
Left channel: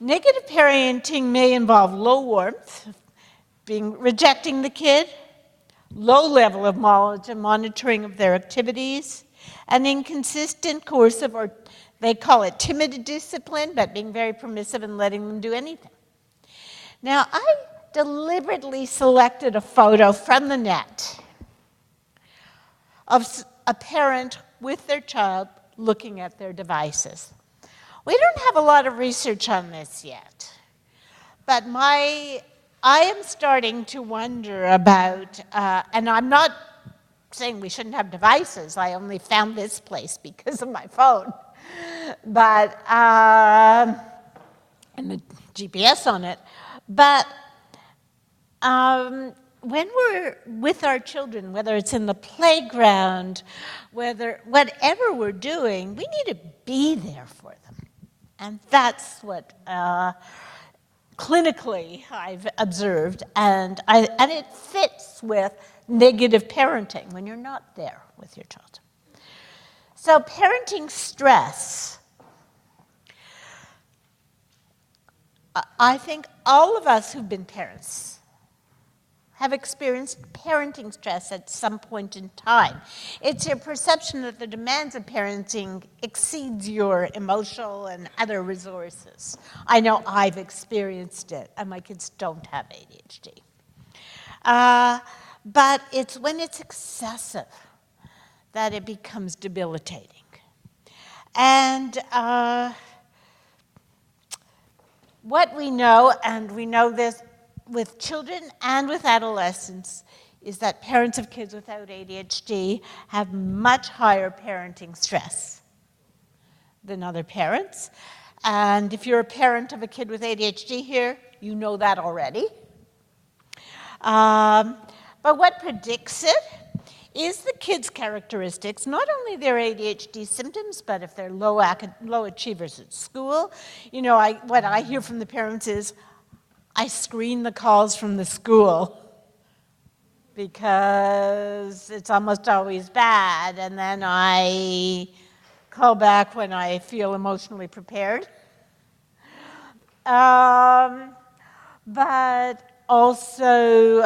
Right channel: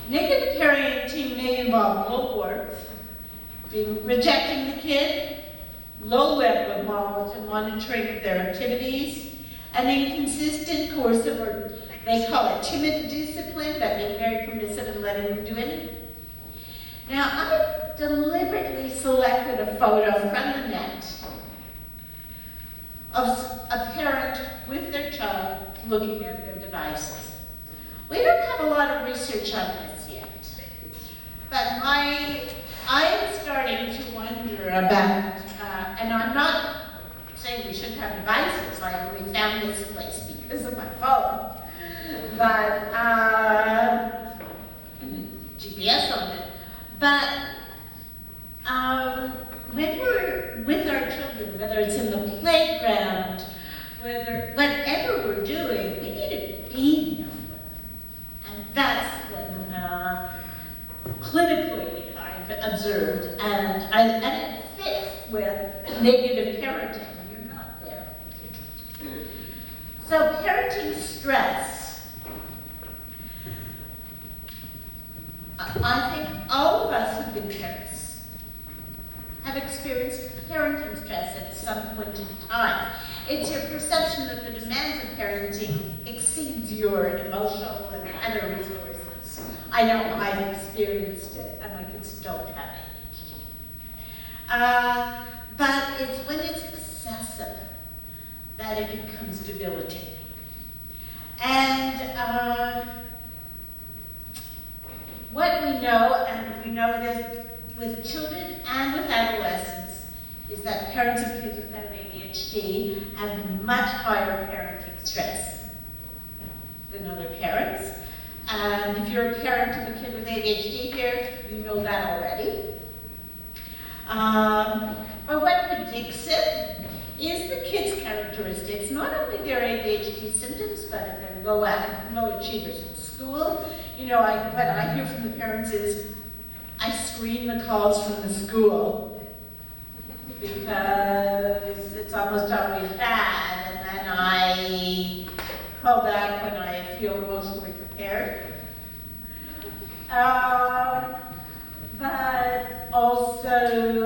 Negative parenting may involve low warmth, rejecting the kid, low level of knowledge and monitoring of their activities, and inconsistent, coercive, or they call it timid discipline, but being very permissive and letting them do anything. Now, I deliberately selected a photo from the net of a parent with their child looking at their devices. We don't have a lot of research on this yet, but I am starting to wonder about, and I'm not saying we shouldn't have devices, I only found this place because of my phone, but, and the GPS on it, but when we're with our children, whether it's in the playground, whatever we're doing, we need to be there for them. And that's what clinically I've observed, and it fits with negative parenting when you're not there with your children. So parenting stress, I think all of us who've been parents have experienced parenting stress at some point in time. It's your perception that the demands of parenting exceeds your emotional and other resources. I know I've experienced it, and my kids don't have ADHD. But it's when it's excessive that it becomes debilitating. And what we know, and we know this with children and with adolescents, is that parents of kids without ADHD have much higher parenting stress than other parents. And if you're a parent of a kid with ADHD here, you know that already. But what predicts it is the kids' characteristics, not only their ADHD symptoms, but if they're low achievers at school. You know, what I hear from the parents is, I screen the calls from the school because it's almost always bad, and then I call back when I feel emotionally prepared. But also,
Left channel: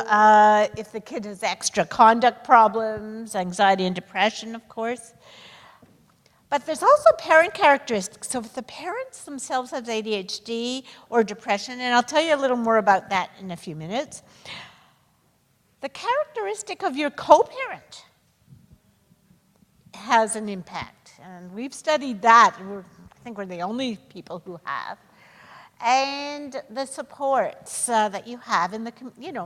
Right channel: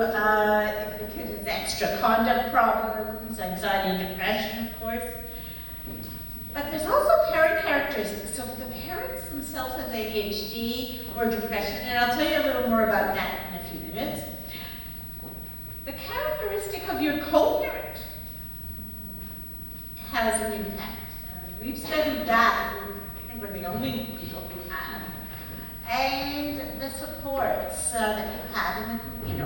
if the kid has extra conduct problems, anxiety and depression, of course. But there's also parent characteristics. So if the parents themselves have ADHD or depression, and I'll tell you a little more about that in a few minutes, the characteristic of your co-parent has an impact. We've studied that, and I think we're the only people who have. And the supports that you have in the,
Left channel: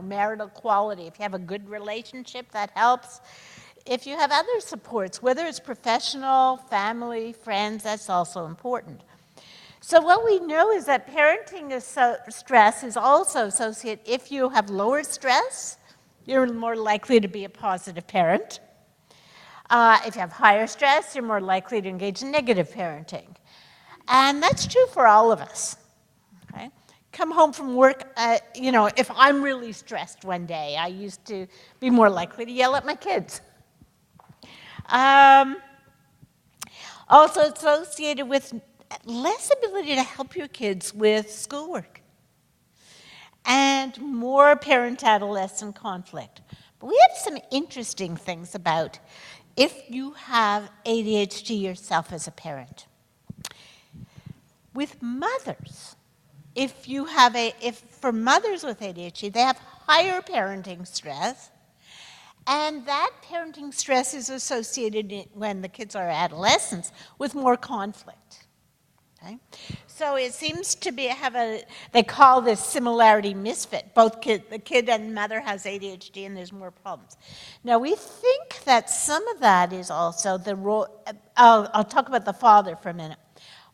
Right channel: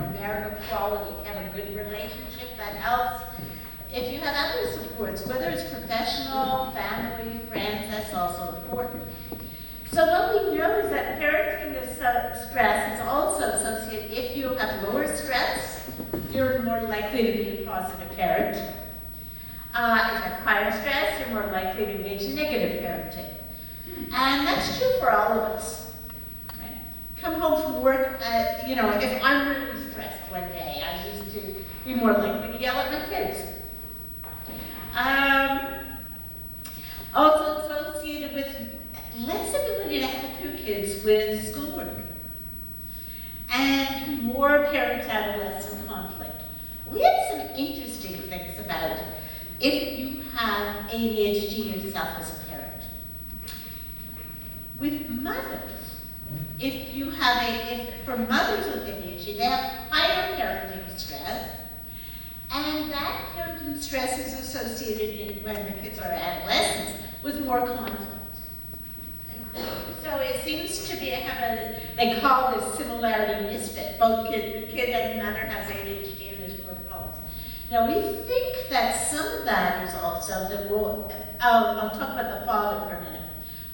marital quality. If you have a good relationship, that helps. If you have other supports, whether it's professional, family, friends, that's also important. So what we know is that parenting stress is also associated. If you have lower stress, you're more likely to be a positive parent. If you have higher stress, you're more likely to engage in negative parenting. And that's true for all of us. Okay? Come home from work, if I'm really stressed one day, I used to be more likely to yell at my kids. Also associated with less ability to help your kids with schoolwork and more parent-adolescent conflict. We have some interesting things about if you have ADHD yourself as a parent. With mothers, for mothers with ADHD, they have higher parenting stress, and that parenting stress is associated when the kids are adolescents with more conflict. Okay? So it seems to be they call this similarity misfit. The kid and mother has ADHD and there's more problems. Now we think that some of that is also the role. I'll talk about the father for a minute.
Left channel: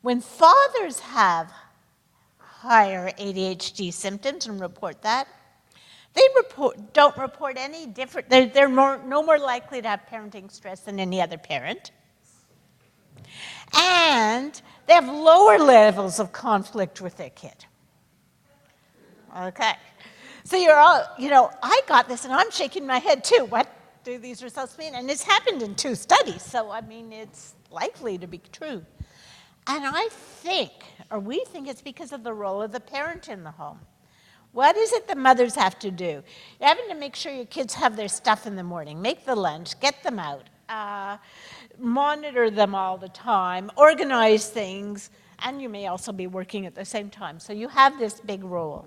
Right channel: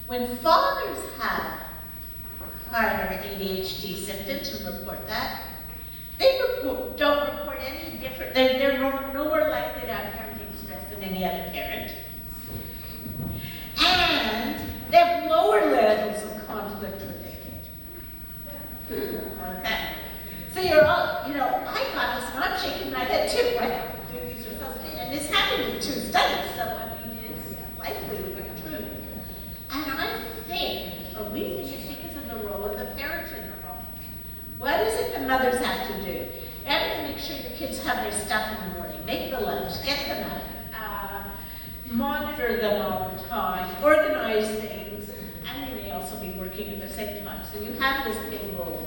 When fathers have higher ADHD symptoms and report that, they don't report any different. They're no more likely to have parenting stress than any other parent, and they have lower levels of conflict with their kid. Okay. So you're all, I got this and I'm shaking my head too. What do these results mean? And this happened in 2 studies, so it's likely to be true. And we think it's because of the role of the parent in the home. What is it the mothers have to do? You have to make sure your kids have their stuff in the morning, make the lunch, get them out, monitor them all the time, organize things, and you may also be working at the same time. So you have this big role.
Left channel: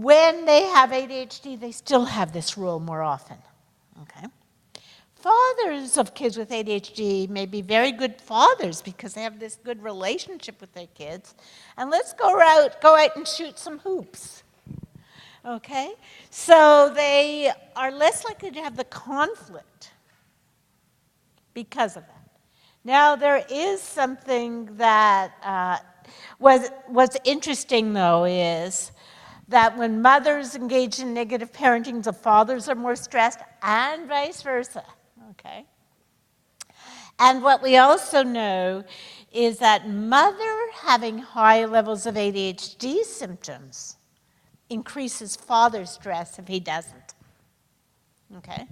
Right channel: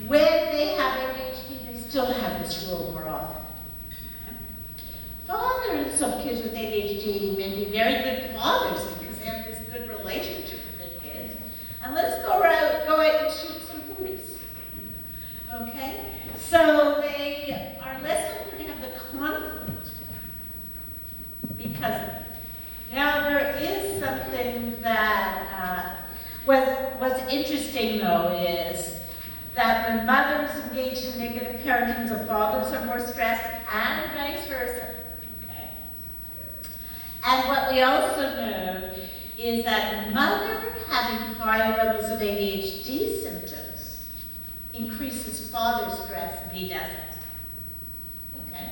When they have ADHD, they still have this role more often. Okay? Fathers of kids with ADHD may be very good fathers because they have this good relationship with their kids. And let's go out and shoot some hoops. Okay? So they are less likely to have the conflict because of it. Now there is something that what's interesting though is that when mothers engage in negative parenting, the fathers are more stressed, and vice versa. Okay? And what we also know is that mother having high levels of ADHD symptoms increases father's stress if he doesn't. Okay?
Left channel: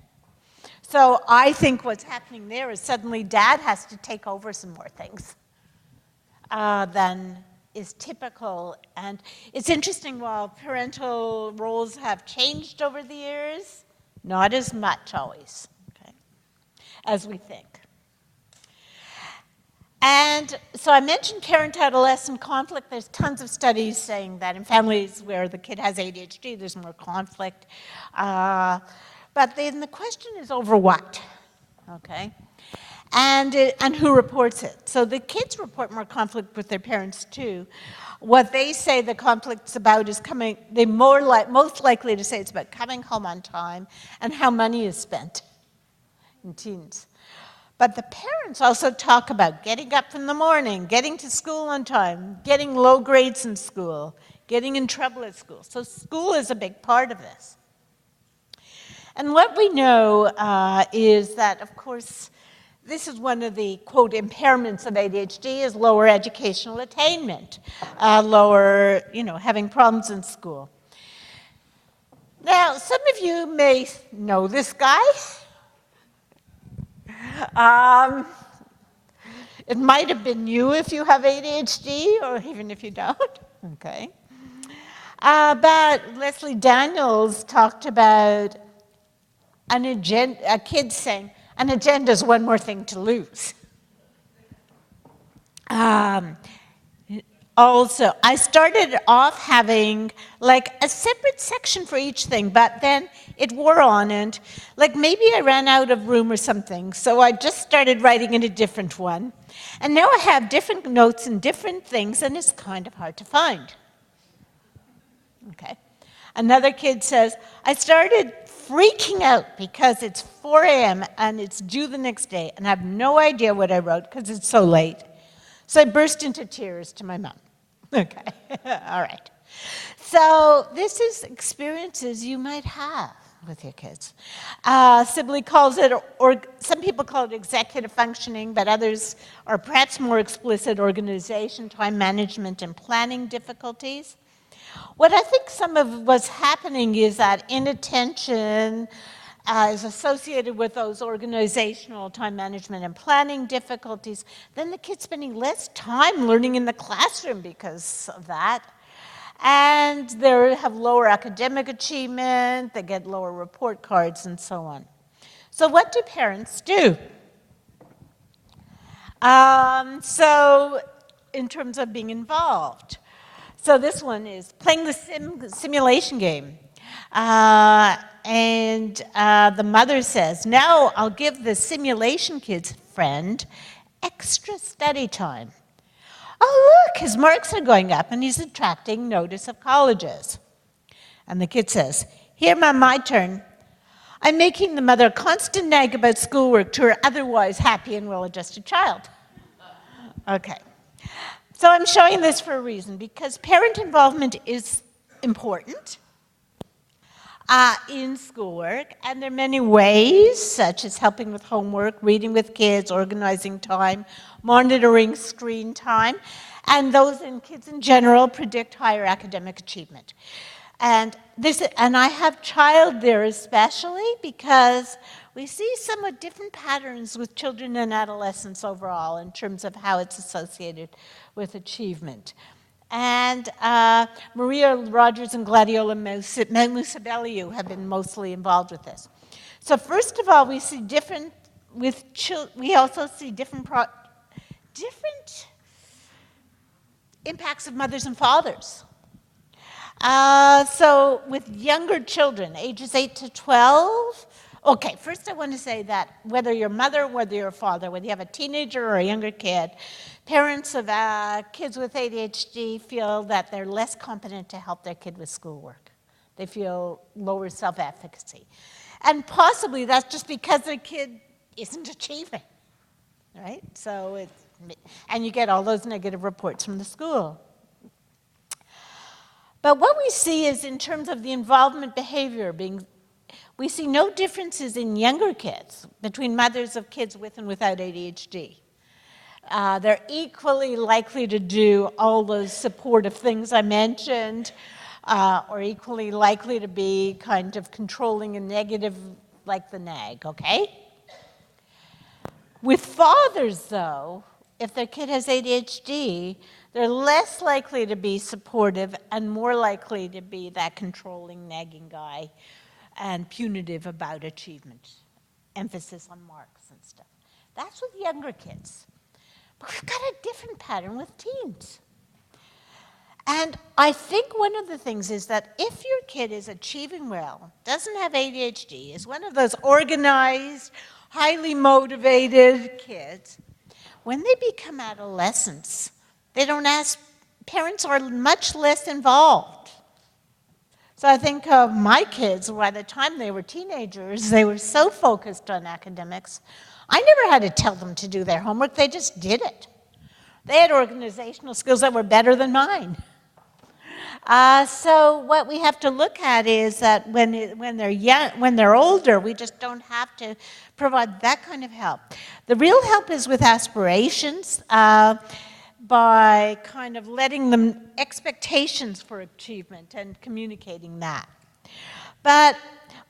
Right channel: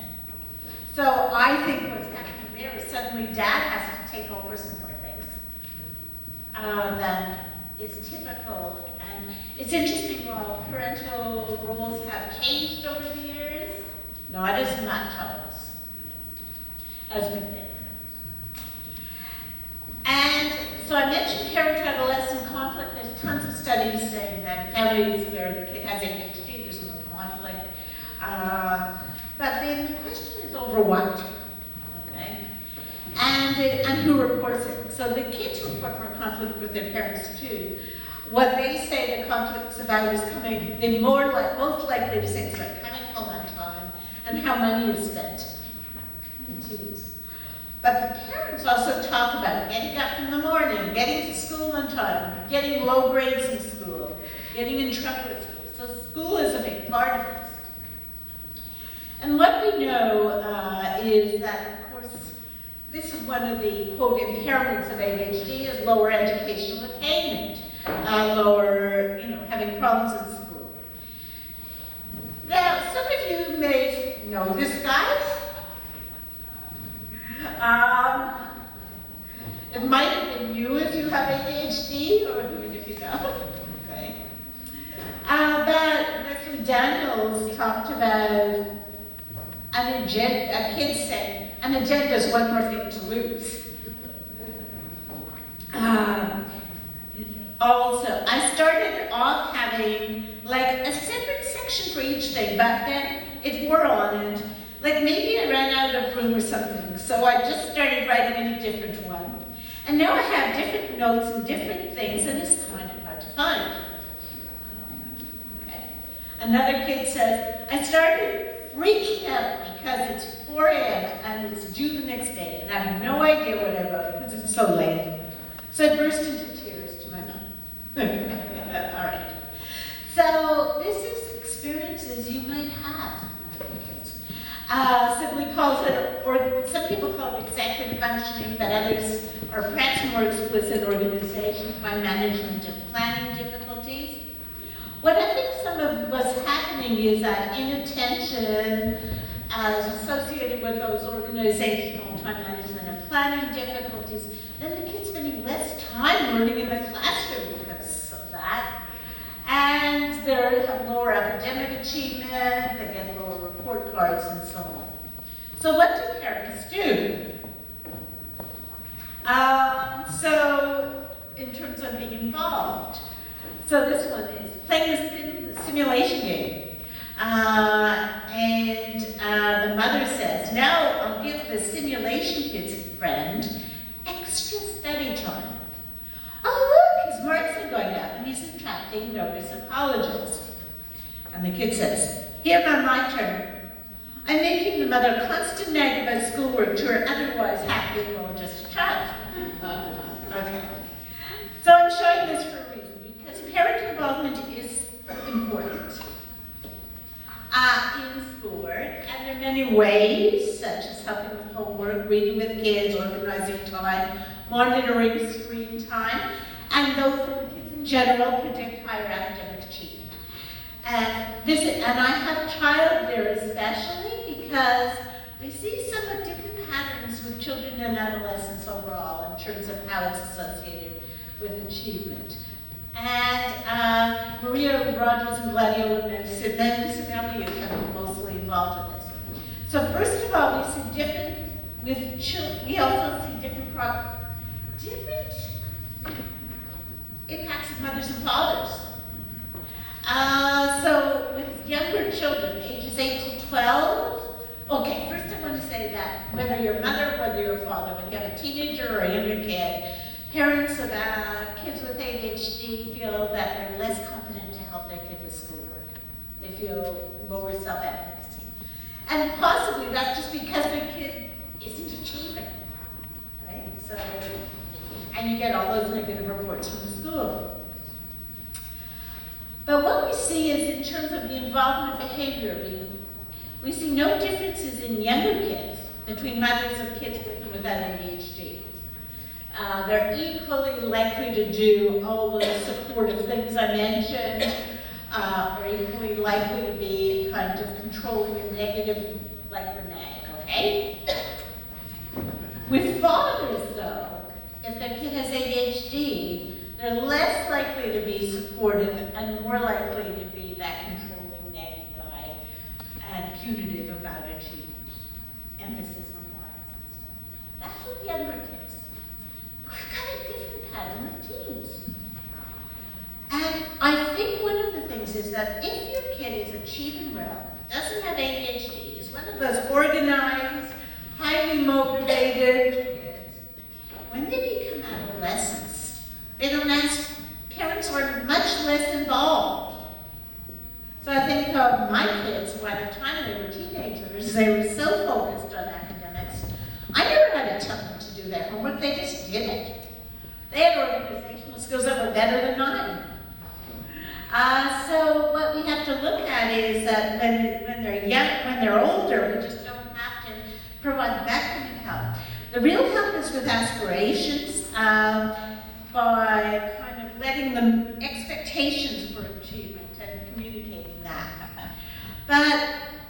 So I think what's happening there is suddenly dad has to take over some more things than is typical. And it's interesting, while parental roles have changed over the years, not as much always as we think. And so I mentioned parent-adolescent conflict. There's tons of studies saying that in families where the kid has ADHD, there's more conflict. But then the question is over what, okay? And who reports it. So the kids report more conflict with their parents too. what they say the conflict's about is they're most likely to say it's about coming home on time and how money is spent in teens. But the parents also talk about getting up in the morning, getting to school on time, getting low grades in school, getting in trouble at school. So school is a big part of this. And what we know is that, of course, this is one of the, quote, impairments of ADHD is lower educational attainment, having problems in school. Now, some of you may know this guy. It might have been you if you have ADHD, or even if you don't. Okay. But Leslie Daniels talked about a kid saying, an agenda is one more thing to lose. Also, I started off having like a separate section for each thing, but then it wore on and like maybe I ran out of room or something, so I just started writing in a different one. And now I have different notes and different things, and it's kind of hard to find. Okay. Another kid says, I started freaking out because it's 4 a.m. and it's due the next day, and I have no idea what I wrote because it's so late. So I burst into tears to my mom. Okay, all right. So this is experiences you might have with your kids. Sibley calls it, or some people call it executive functioning, but others are perhaps more explicit, organization, time management, and planning difficulties. What I think some of what's happening is that inattention is associated with those organizational, time management, and planning difficulties. Then the kid's spending less time learning in the classroom because of that. And they have lower academic achievement, they get lower report cards, and so on. So what do parents do? So in terms of being involved, so this one is playing the simulation game. And the mother says, now I'll give the simulation kid's friend extra study time. Oh, look, his marks are going up and he's attracting notice of colleges. And the kid says, here, Mom, my turn. I'm making the mother constant nag about schoolwork to her otherwise happy and well-adjusted child. Okay. So I'm showing this for a reason, because parent involvement is important in schoolwork, and there are many ways, such as helping with homework, reading with kids, organizing time, monitoring screen time, and those in kids in general predict higher academic achievement. And I have child there especially because we see somewhat different patterns with children and adolescents overall in terms of how it's associated with achievement. And Maria Rogers and Gladiola Musabeliu have been mostly involved with this. So first of all, we see we also see different impacts of mothers and fathers. So with younger children, ages 8 to 12, okay, first I want to say that whether you're a mother, whether you're a father, whether you have a teenager or a younger kid, parents of kids with ADHD feel that they're less competent to help their kid with schoolwork. They feel lower self-efficacy. And possibly that's just because their kid isn't achieving, right? So, and you get all those negative reports from the school. But what we see is in terms of the involvement behavior, we see no differences in younger kids between mothers of kids with and without ADHD. They're equally likely to do all those supportive things I mentioned, or equally likely to be kind of controlling and negative like the nag, okay? With fathers, though, if their kid has ADHD, they're less likely to be supportive and more likely to be that controlling, nagging guy and punitive about achievement. Emphasis on marks and stuff. That's with younger kids. We've got a different pattern with teens. And I think one of the things is that if your kid is achieving well, doesn't have ADHD, is one of those organized, highly motivated kids, when they become adolescents, they don't ask parents are much less involved. So I think my kids, by the time they were teenagers, they were so focused on academics. I never had to tell them to do their homework, they just did it. They had organizational skills that were better than mine. So what we have to look at is that when they're young, when they're older, we just don't have to provide that kind of help. The real help is with aspirations, by kind of letting them expectations for achievement and communicating that. But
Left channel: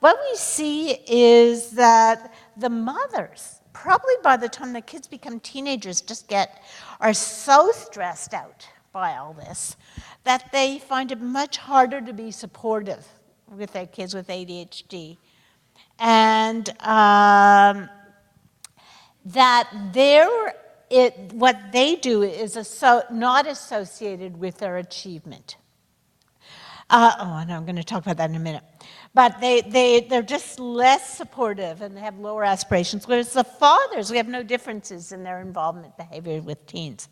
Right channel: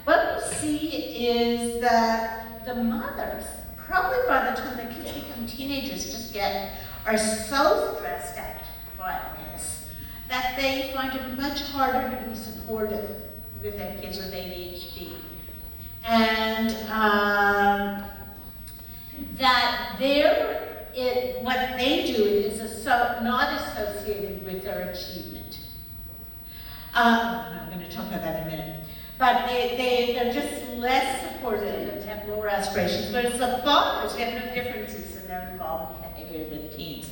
what we see is that the mothers, probably by the time the kids become teenagers, are so stressed out by all this that they find it much harder to be supportive with their kids with ADHD. And what they do is not associated with their achievement. I'm going to talk about that in a minute. But they're just less supportive and they have lower aspirations. Whereas the fathers, we have no differences in their involvement behavior with teens.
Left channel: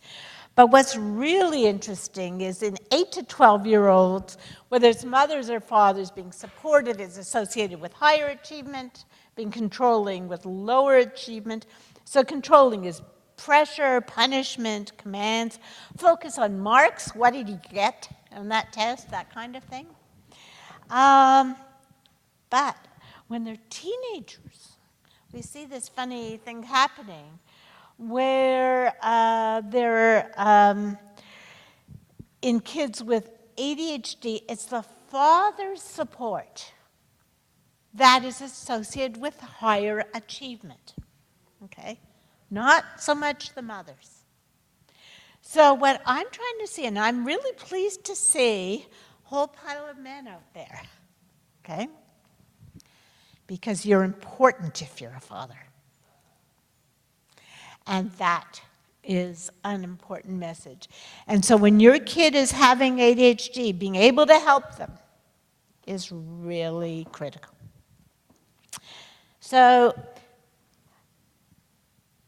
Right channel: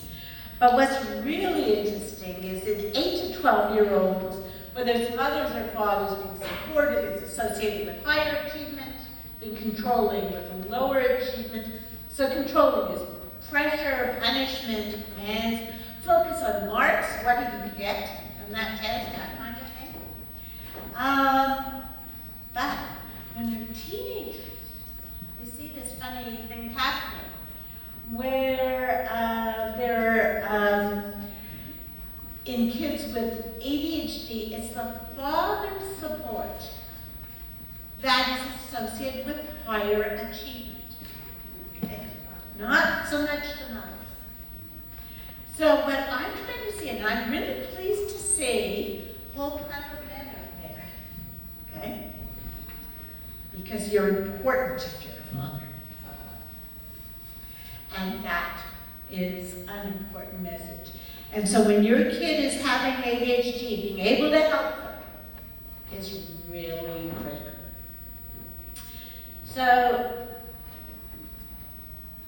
But what's really interesting is in 8 to 12-year-olds, whether it's mothers or fathers being supported, is associated with higher achievement, being controlling with lower achievement. So controlling is pressure, punishment, commands, focus on marks, what did you get on that test, that kind of thing. But when they're teenagers, we see this funny thing happening where in kids with ADHD, it's the father's support that is associated with higher achievement, okay? Not so much the mothers. So what I'm trying to see, and I'm really pleased to see a whole pile of men out there, okay? Because you're important if you're a father. And that is an important message. And so when your kid is having ADHD, being able to help them is really critical. So,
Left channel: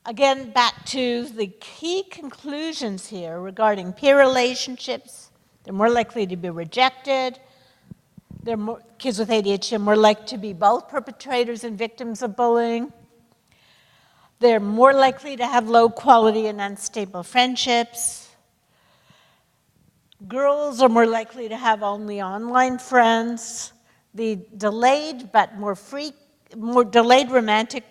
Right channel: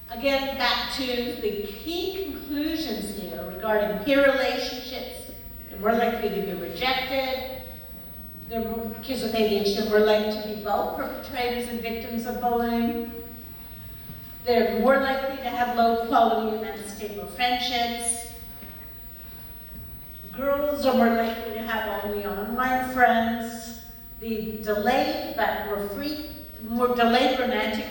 again, back to the key conclusions here regarding peer relationships. They're more likely to be rejected. Kids with ADHD are more likely to be both perpetrators and victims of bullying. They're more likely to have low quality and unstable friendships. Girls are more likely to have only online friends. The delayed romantic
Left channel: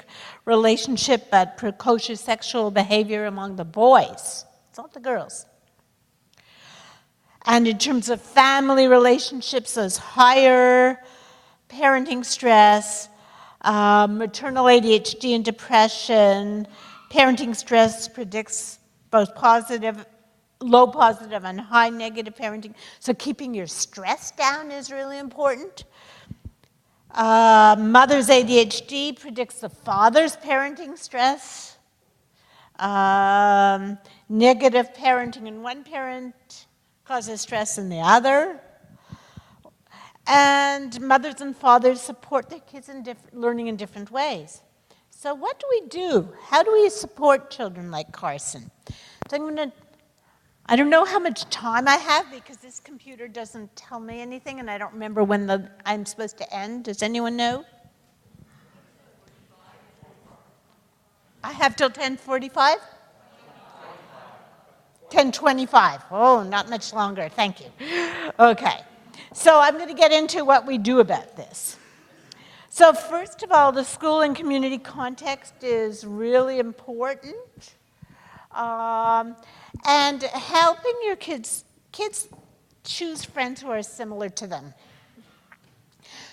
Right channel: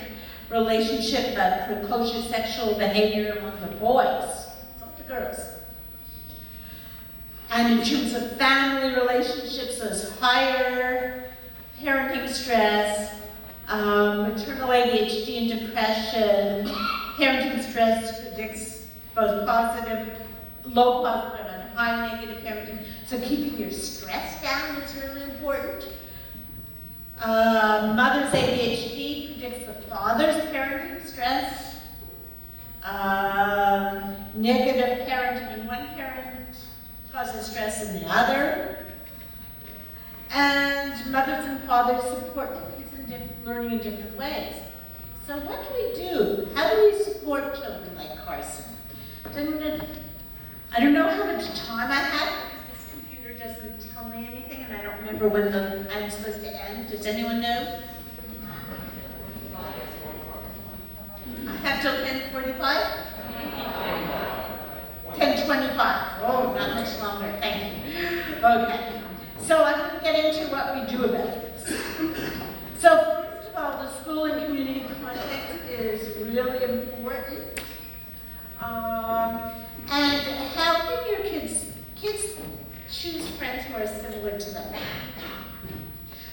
relationship but precocious sexual behavior among the boys. It's not the girls. And in terms of family relationships, there's higher parenting stress, maternal ADHD and depression. Parenting stress predicts both low positive and high negative parenting. So keeping your stress down is really important. Mother's ADHD predicts the father's parenting stress. Negative parenting in one parent causes stress in the other. And mothers and fathers support their kids in learning in different ways. So what do we do? How do we support children like Carson? I don't know how much time I have because this computer doesn't tell me anything and I don't remember when I'm supposed to end. Does anyone know? I have till 10:45? 10:25. Oh, not much longer. Thank you. Okay. So I'm going to get into what we do about this. So first of all, the school and community context is really important. And helping your kids choose friends who are similar to them.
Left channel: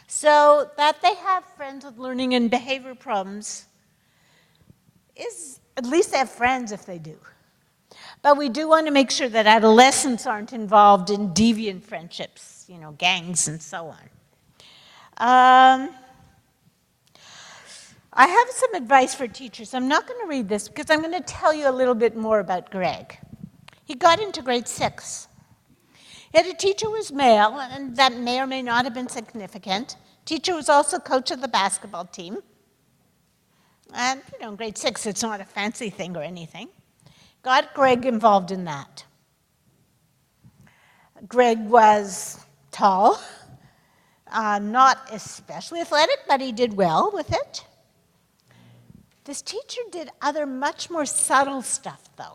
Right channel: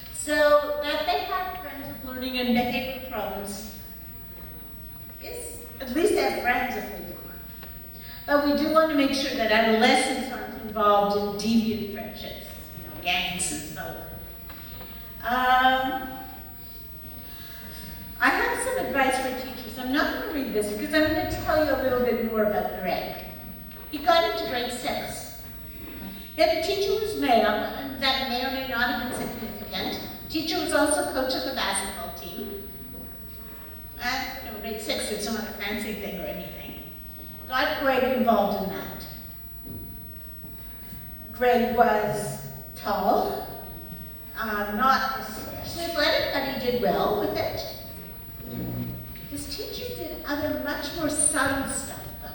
So that they have friends with learning and behavior problems is, at least they have friends if they do. But we do want to make sure that adolescents aren't involved in deviant friendships, gangs and so on. I have some advice for teachers. I'm not going to read this because I'm going to tell you a little bit more about Greg. He got into grade 6. He had a teacher who was male, and that may or may not have been significant. Teacher was also coach of the basketball team. And grade 6, it's not a fancy thing or anything. Got Greg involved in that. Greg was tall, not especially athletic, but he did well with it. This teacher did other much more subtle stuff, though.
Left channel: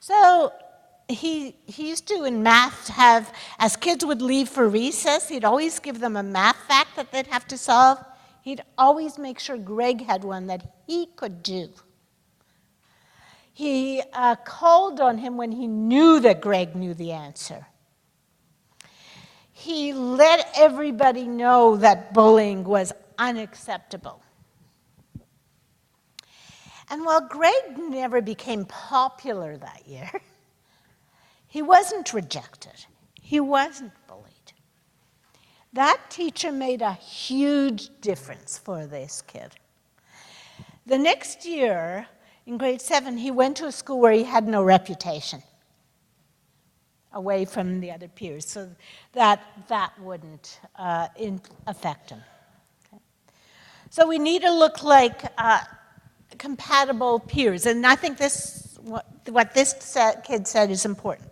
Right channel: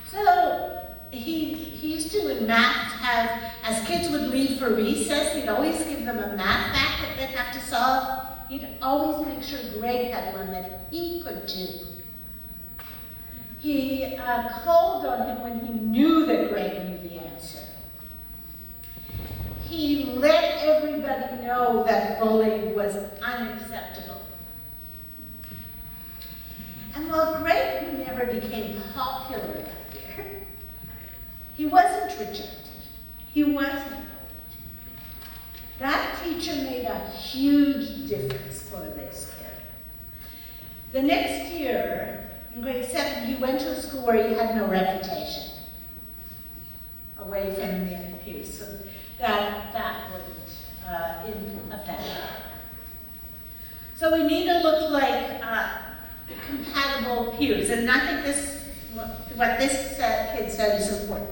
So he used to, in math, have, as kids would leave for recess, he'd always give them a math fact that they'd have to solve. He'd always make sure Greg had one that he could do. He called on him when he knew that Greg knew the answer. He let everybody know that bullying was unacceptable. And while Greg never became popular that year, he wasn't rejected. He wasn't bullied. That teacher made a huge difference for this kid. The next year, in grade 7, he went to a school where he had no reputation, away from the other peers, so that wouldn't affect him. So we need to look like compatible peers, and I think what this kid said is important.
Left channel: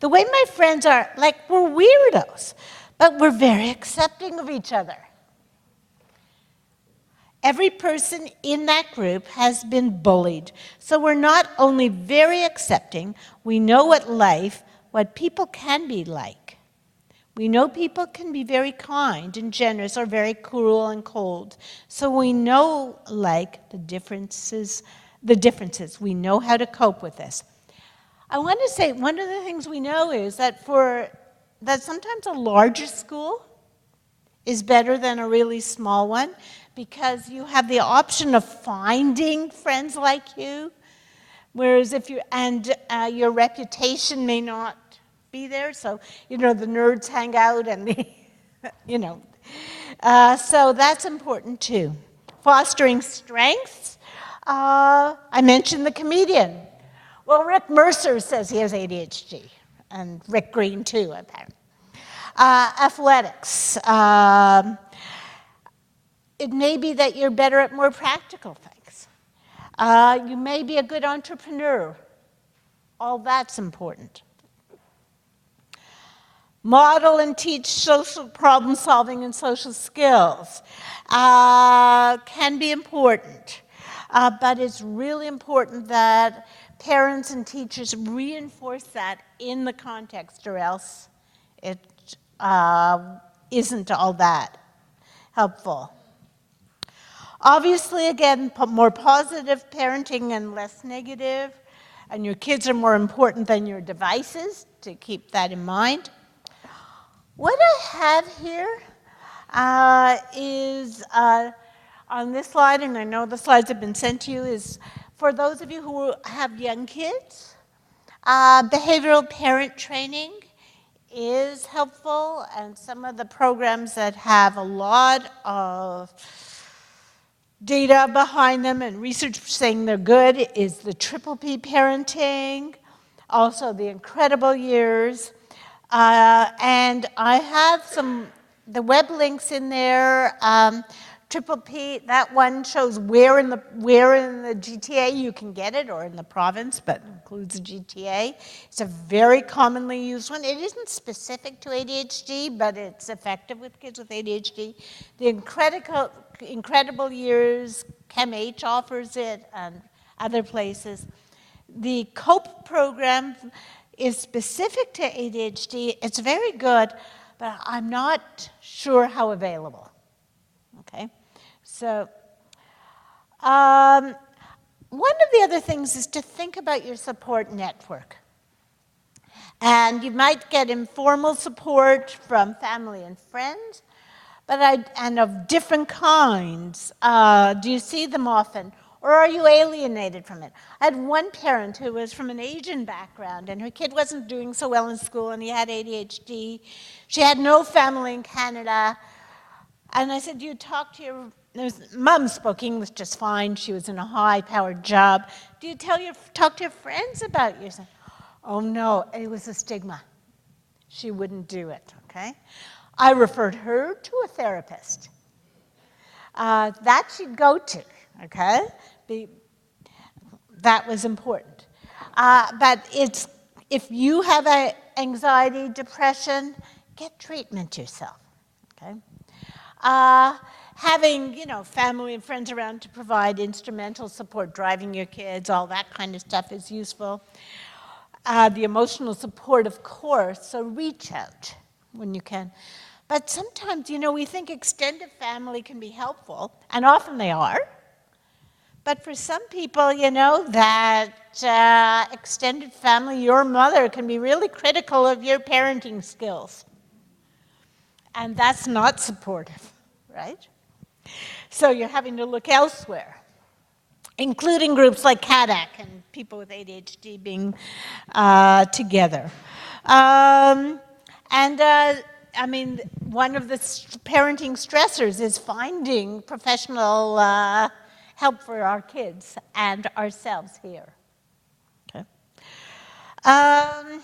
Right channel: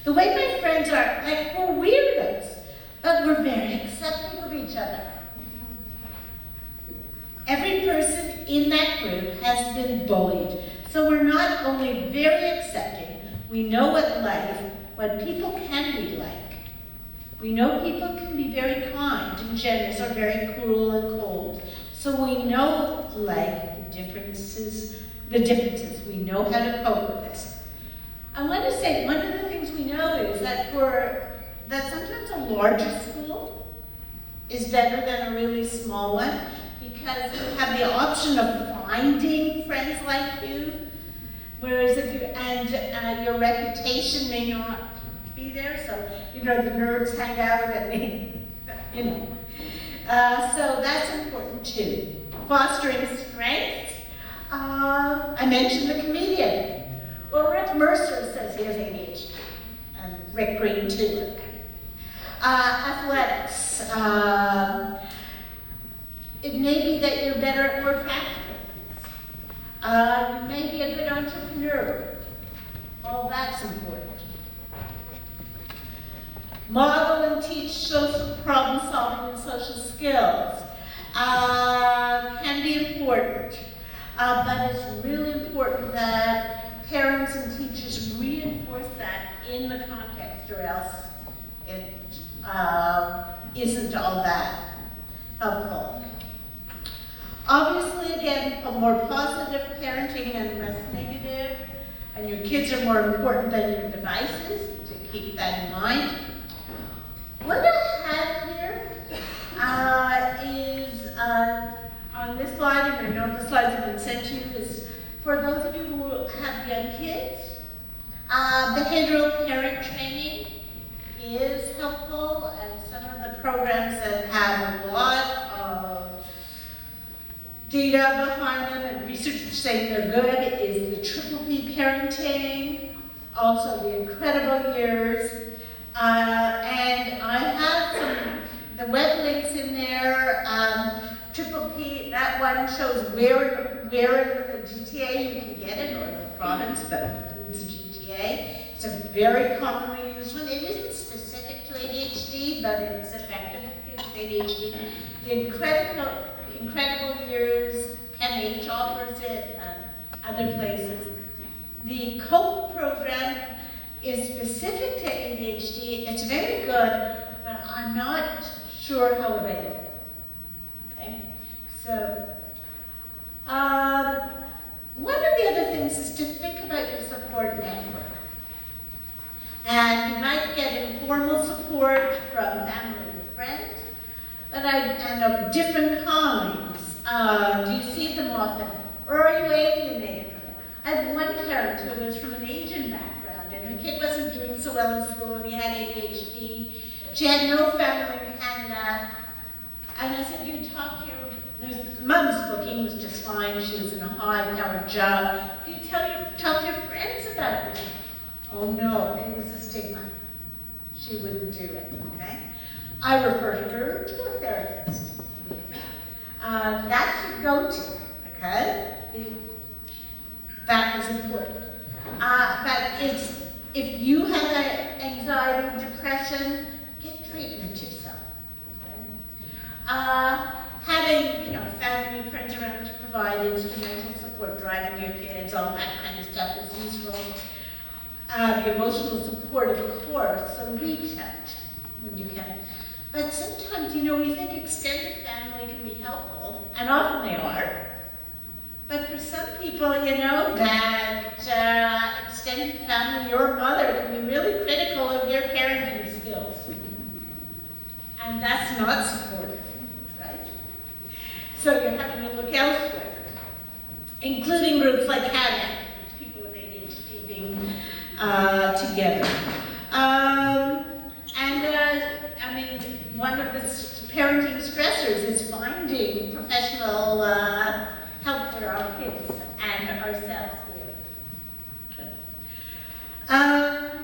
The way my friends are, like, we're weirdos, but we're very accepting of each other. Every person in that group has been bullied. So we're not only very accepting, we know what people can be like. We know people can be very kind and generous or very cruel and cold. So we know, like, the differences. We know how to cope with this. I want to say one of the things we know is that sometimes a larger school is better than a really small one, because you have the option of finding friends like you, whereas your reputation may not be there. So, the nerds hang out and, so that's important too. Fostering strengths. I mentioned the comedian. Well, Rick Mercer says he has ADHD, and Rick Green too, okay. Athletics. It may be that you're better at more practical things. You may be a good entrepreneur. All that's important. Model and teach social problem solving and social skills can be important, but it's really important that parents and teachers reinforce that in the context, or else it isn't all that helpful. Obviously, again, more positive parenting and less negative, and your kids are more important than your devices, to keep that in mind. What I have here is on this slide, and I know the slides have been sent to you, is for those of you who have young kids, behavioral parent training is helpful, and some of the programs that have a lot of data behind them and research saying they're good is the Triple P parenting, also the Incredible Years, and I have the web links in there. Triple P, that one shows where in the GTA you can get it, or in the province, but includes the GTA. It's a very commonly used one. It isn't specific to ADHD, but it's effective with kids with ADHD. The Incredible Years, ChemH offers it, and other places. The COPE program is specific to ADHD. It's very good, but I'm not sure how available. Okay, so one of the other things is to think about your support network. And you might get informal support from family and friends, and of different kinds. Do you see them often? Or are you alienated from it? I had one parent who was from an Asian background, and her kid wasn't doing so well in school, and he had ADHD. She had no family in Canada. And I said, do you talk to your mom spoke English just fine. She was in a high-powered job. Do you talk to your friends about this? Oh, no, it was a stigma. She wouldn't do it, okay? I referred her to a therapist. That she'd go to, okay? That was important. But if you have anxiety, depression, get treatment yourself. Okay? Having, family and friends around to provide instrumental support, driving your kids, all that kind of stuff is useful. The emotional support, of course, so reach out when you can. But sometimes, we think extended family can be helpful, and often they are. But for some people, that extended family, your mother, can be really critical of your parenting skills. And that's not supportive, right? So you're having to look elsewhere, including groups like CADAC, and people with ADHD being together. One of the parenting stressors is finding professional help for our kids and ourselves here. Okay. I'm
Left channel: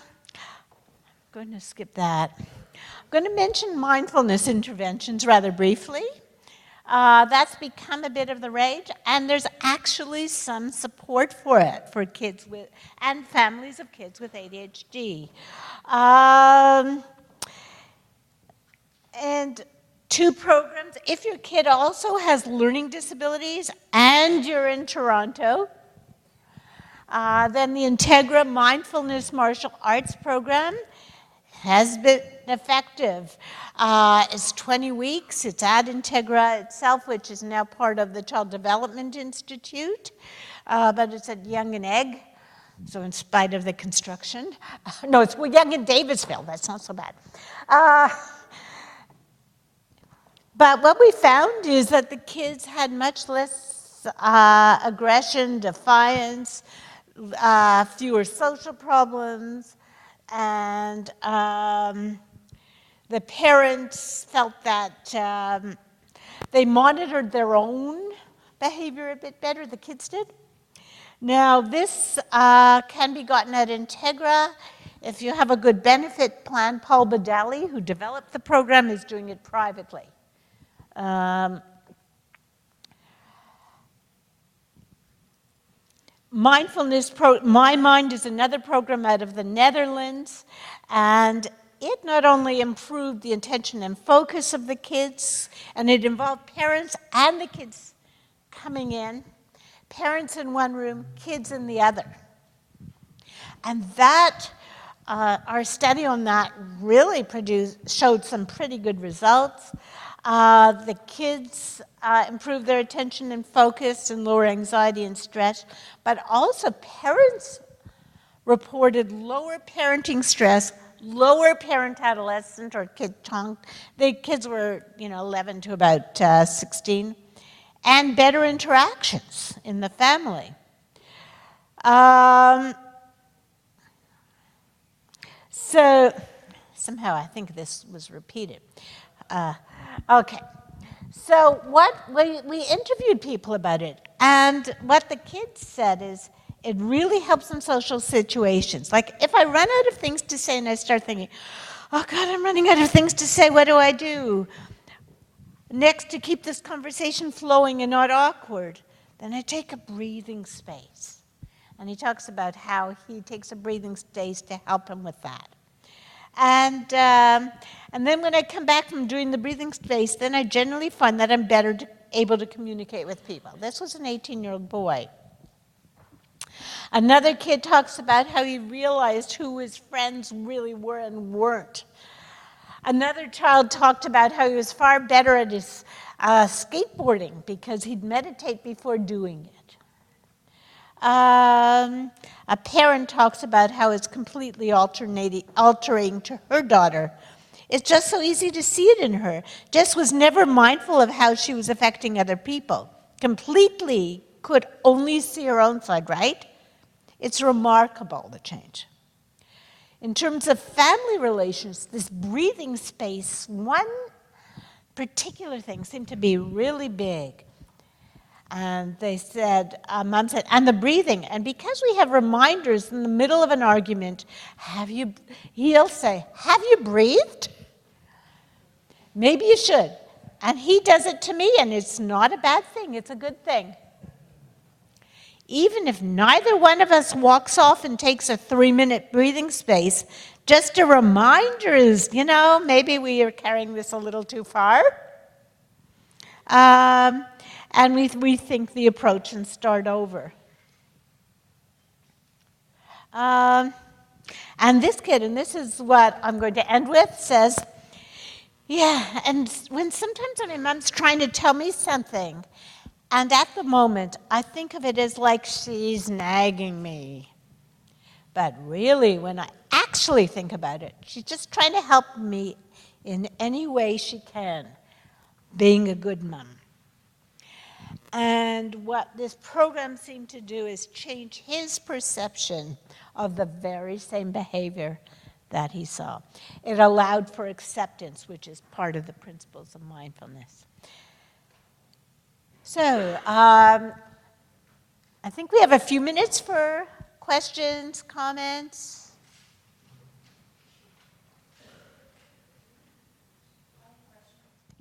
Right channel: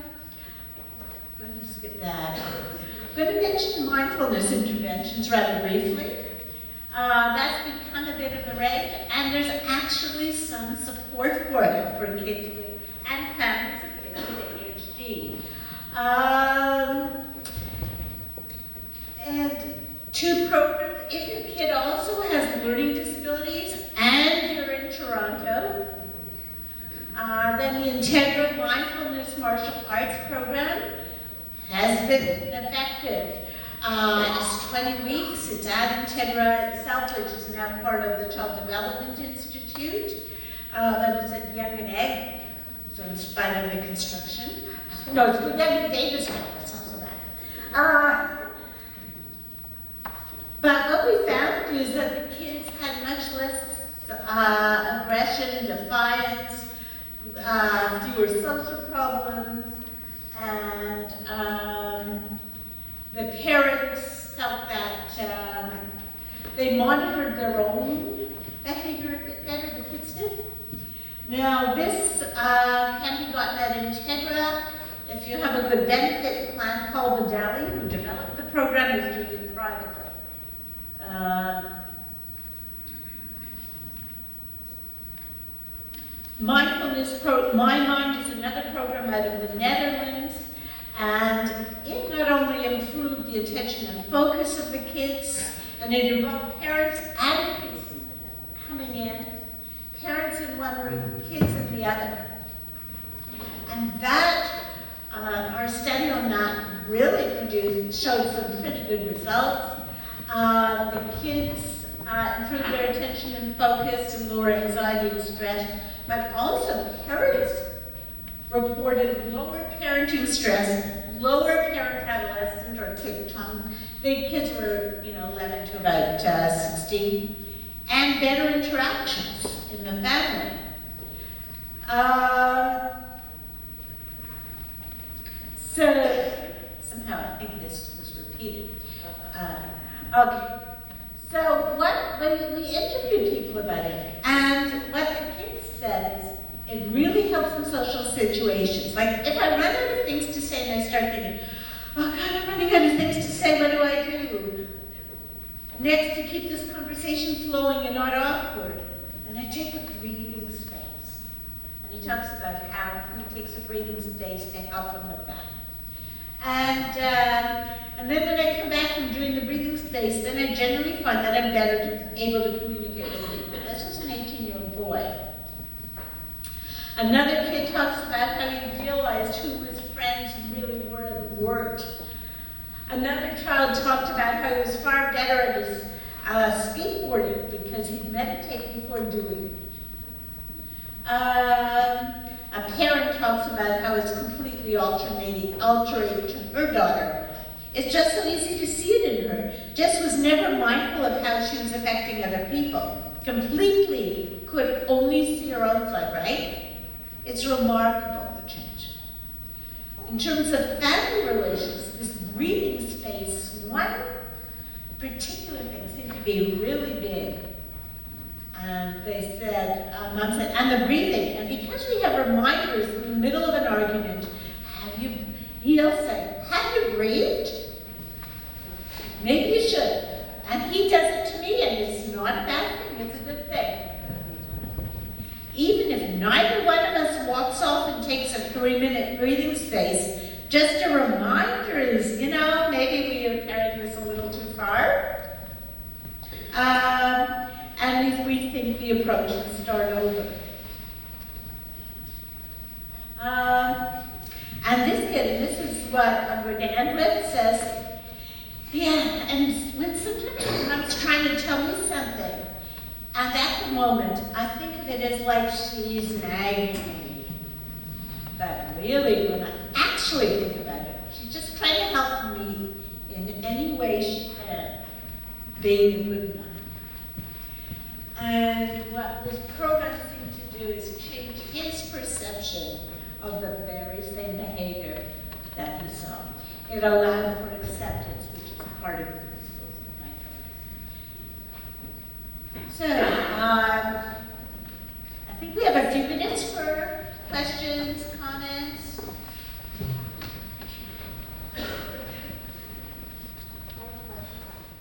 going to skip that. I'm going to mention mindfulness interventions rather briefly. That's become a bit of the rage, and there's actually some support for it for kids and families of kids with ADHD. And 2 programs, if your kid also has learning disabilities and you're in Toronto, then the Integra Mindfulness Martial Arts Program has been effective. It's 20 weeks. It's at Integra itself, which is now part of the Child Development Institute, but it's at Yonge and Egg, so in spite of the construction. No, it's Yonge and Davisville. That's not so bad. But what we found is that the kids had much less aggression, defiance, fewer social problems, and the parents felt that they monitored their own behavior a bit better, the kids did. Now this can be gotten at Integra. If you have a good benefit plan, Paul Badali, who developed the program, is doing it privately. My Mind is another program out of the Netherlands, and it not only improved the attention and focus of the kids, and it involved parents and the kids coming in, parents in one room, kids in the other. And that, our study on that really showed some pretty good results. The kids improved their attention and focus and lower anxiety and stress, but also parents reported lower parenting stress, lower parent-adolescent or kid tongue. The kids were, 11 to about 16, and better interactions in the family. So somehow I think this was repeated. Okay. So we interviewed people about it, and what the kids said is it really helps in social situations. Like if I run out of things to say and I start thinking, oh God, I'm running out of things to say, what do I do? Next, to keep this conversation flowing and not awkward, then I take a breathing space. And he talks about how he takes a breathing space to help him with that. And then when I come back from doing the breathing space, then I generally find that I'm better able to communicate with people. This was an 18-year-old boy. Another kid talks about how he realized who his friends really were and weren't. Another child talked about how he was far better at his skateboarding because he'd meditate before doing it. A parent talks about how it's completely altering to her daughter. It's just so easy to see it in her. Jess was never mindful of how she was affecting other people. Completely could only see her own side, right? It's remarkable, the change. In terms of family relations, this breathing space, one particular thing seemed to be really big. And they said, Mom said, and the breathing. And because we have reminders in the middle of an argument, he'll say, have you breathed? Maybe you should. And he does it to me, and it's not a bad thing, it's a good thing. even if neither one of us walks off and takes a 3-minute breathing space, just a reminder is, maybe we are carrying this a little too far. And we rethink the approach and start over. And this kid, and this is what I'm going to end with, says, yeah, and sometimes when mom's trying to tell me something, and at the moment, I think of it as like she's nagging me. But really, when I actually think about it, she's just trying to help me in any way she can, being a good mom. And what this program seemed to do is change his perception of the very same behavior that he saw. It allowed for acceptance, which is part of the principles of mindfulness. So, I think we have a few minutes for questions, comments.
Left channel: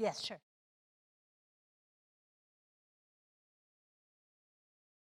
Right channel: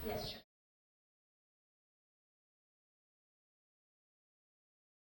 Yes, sure.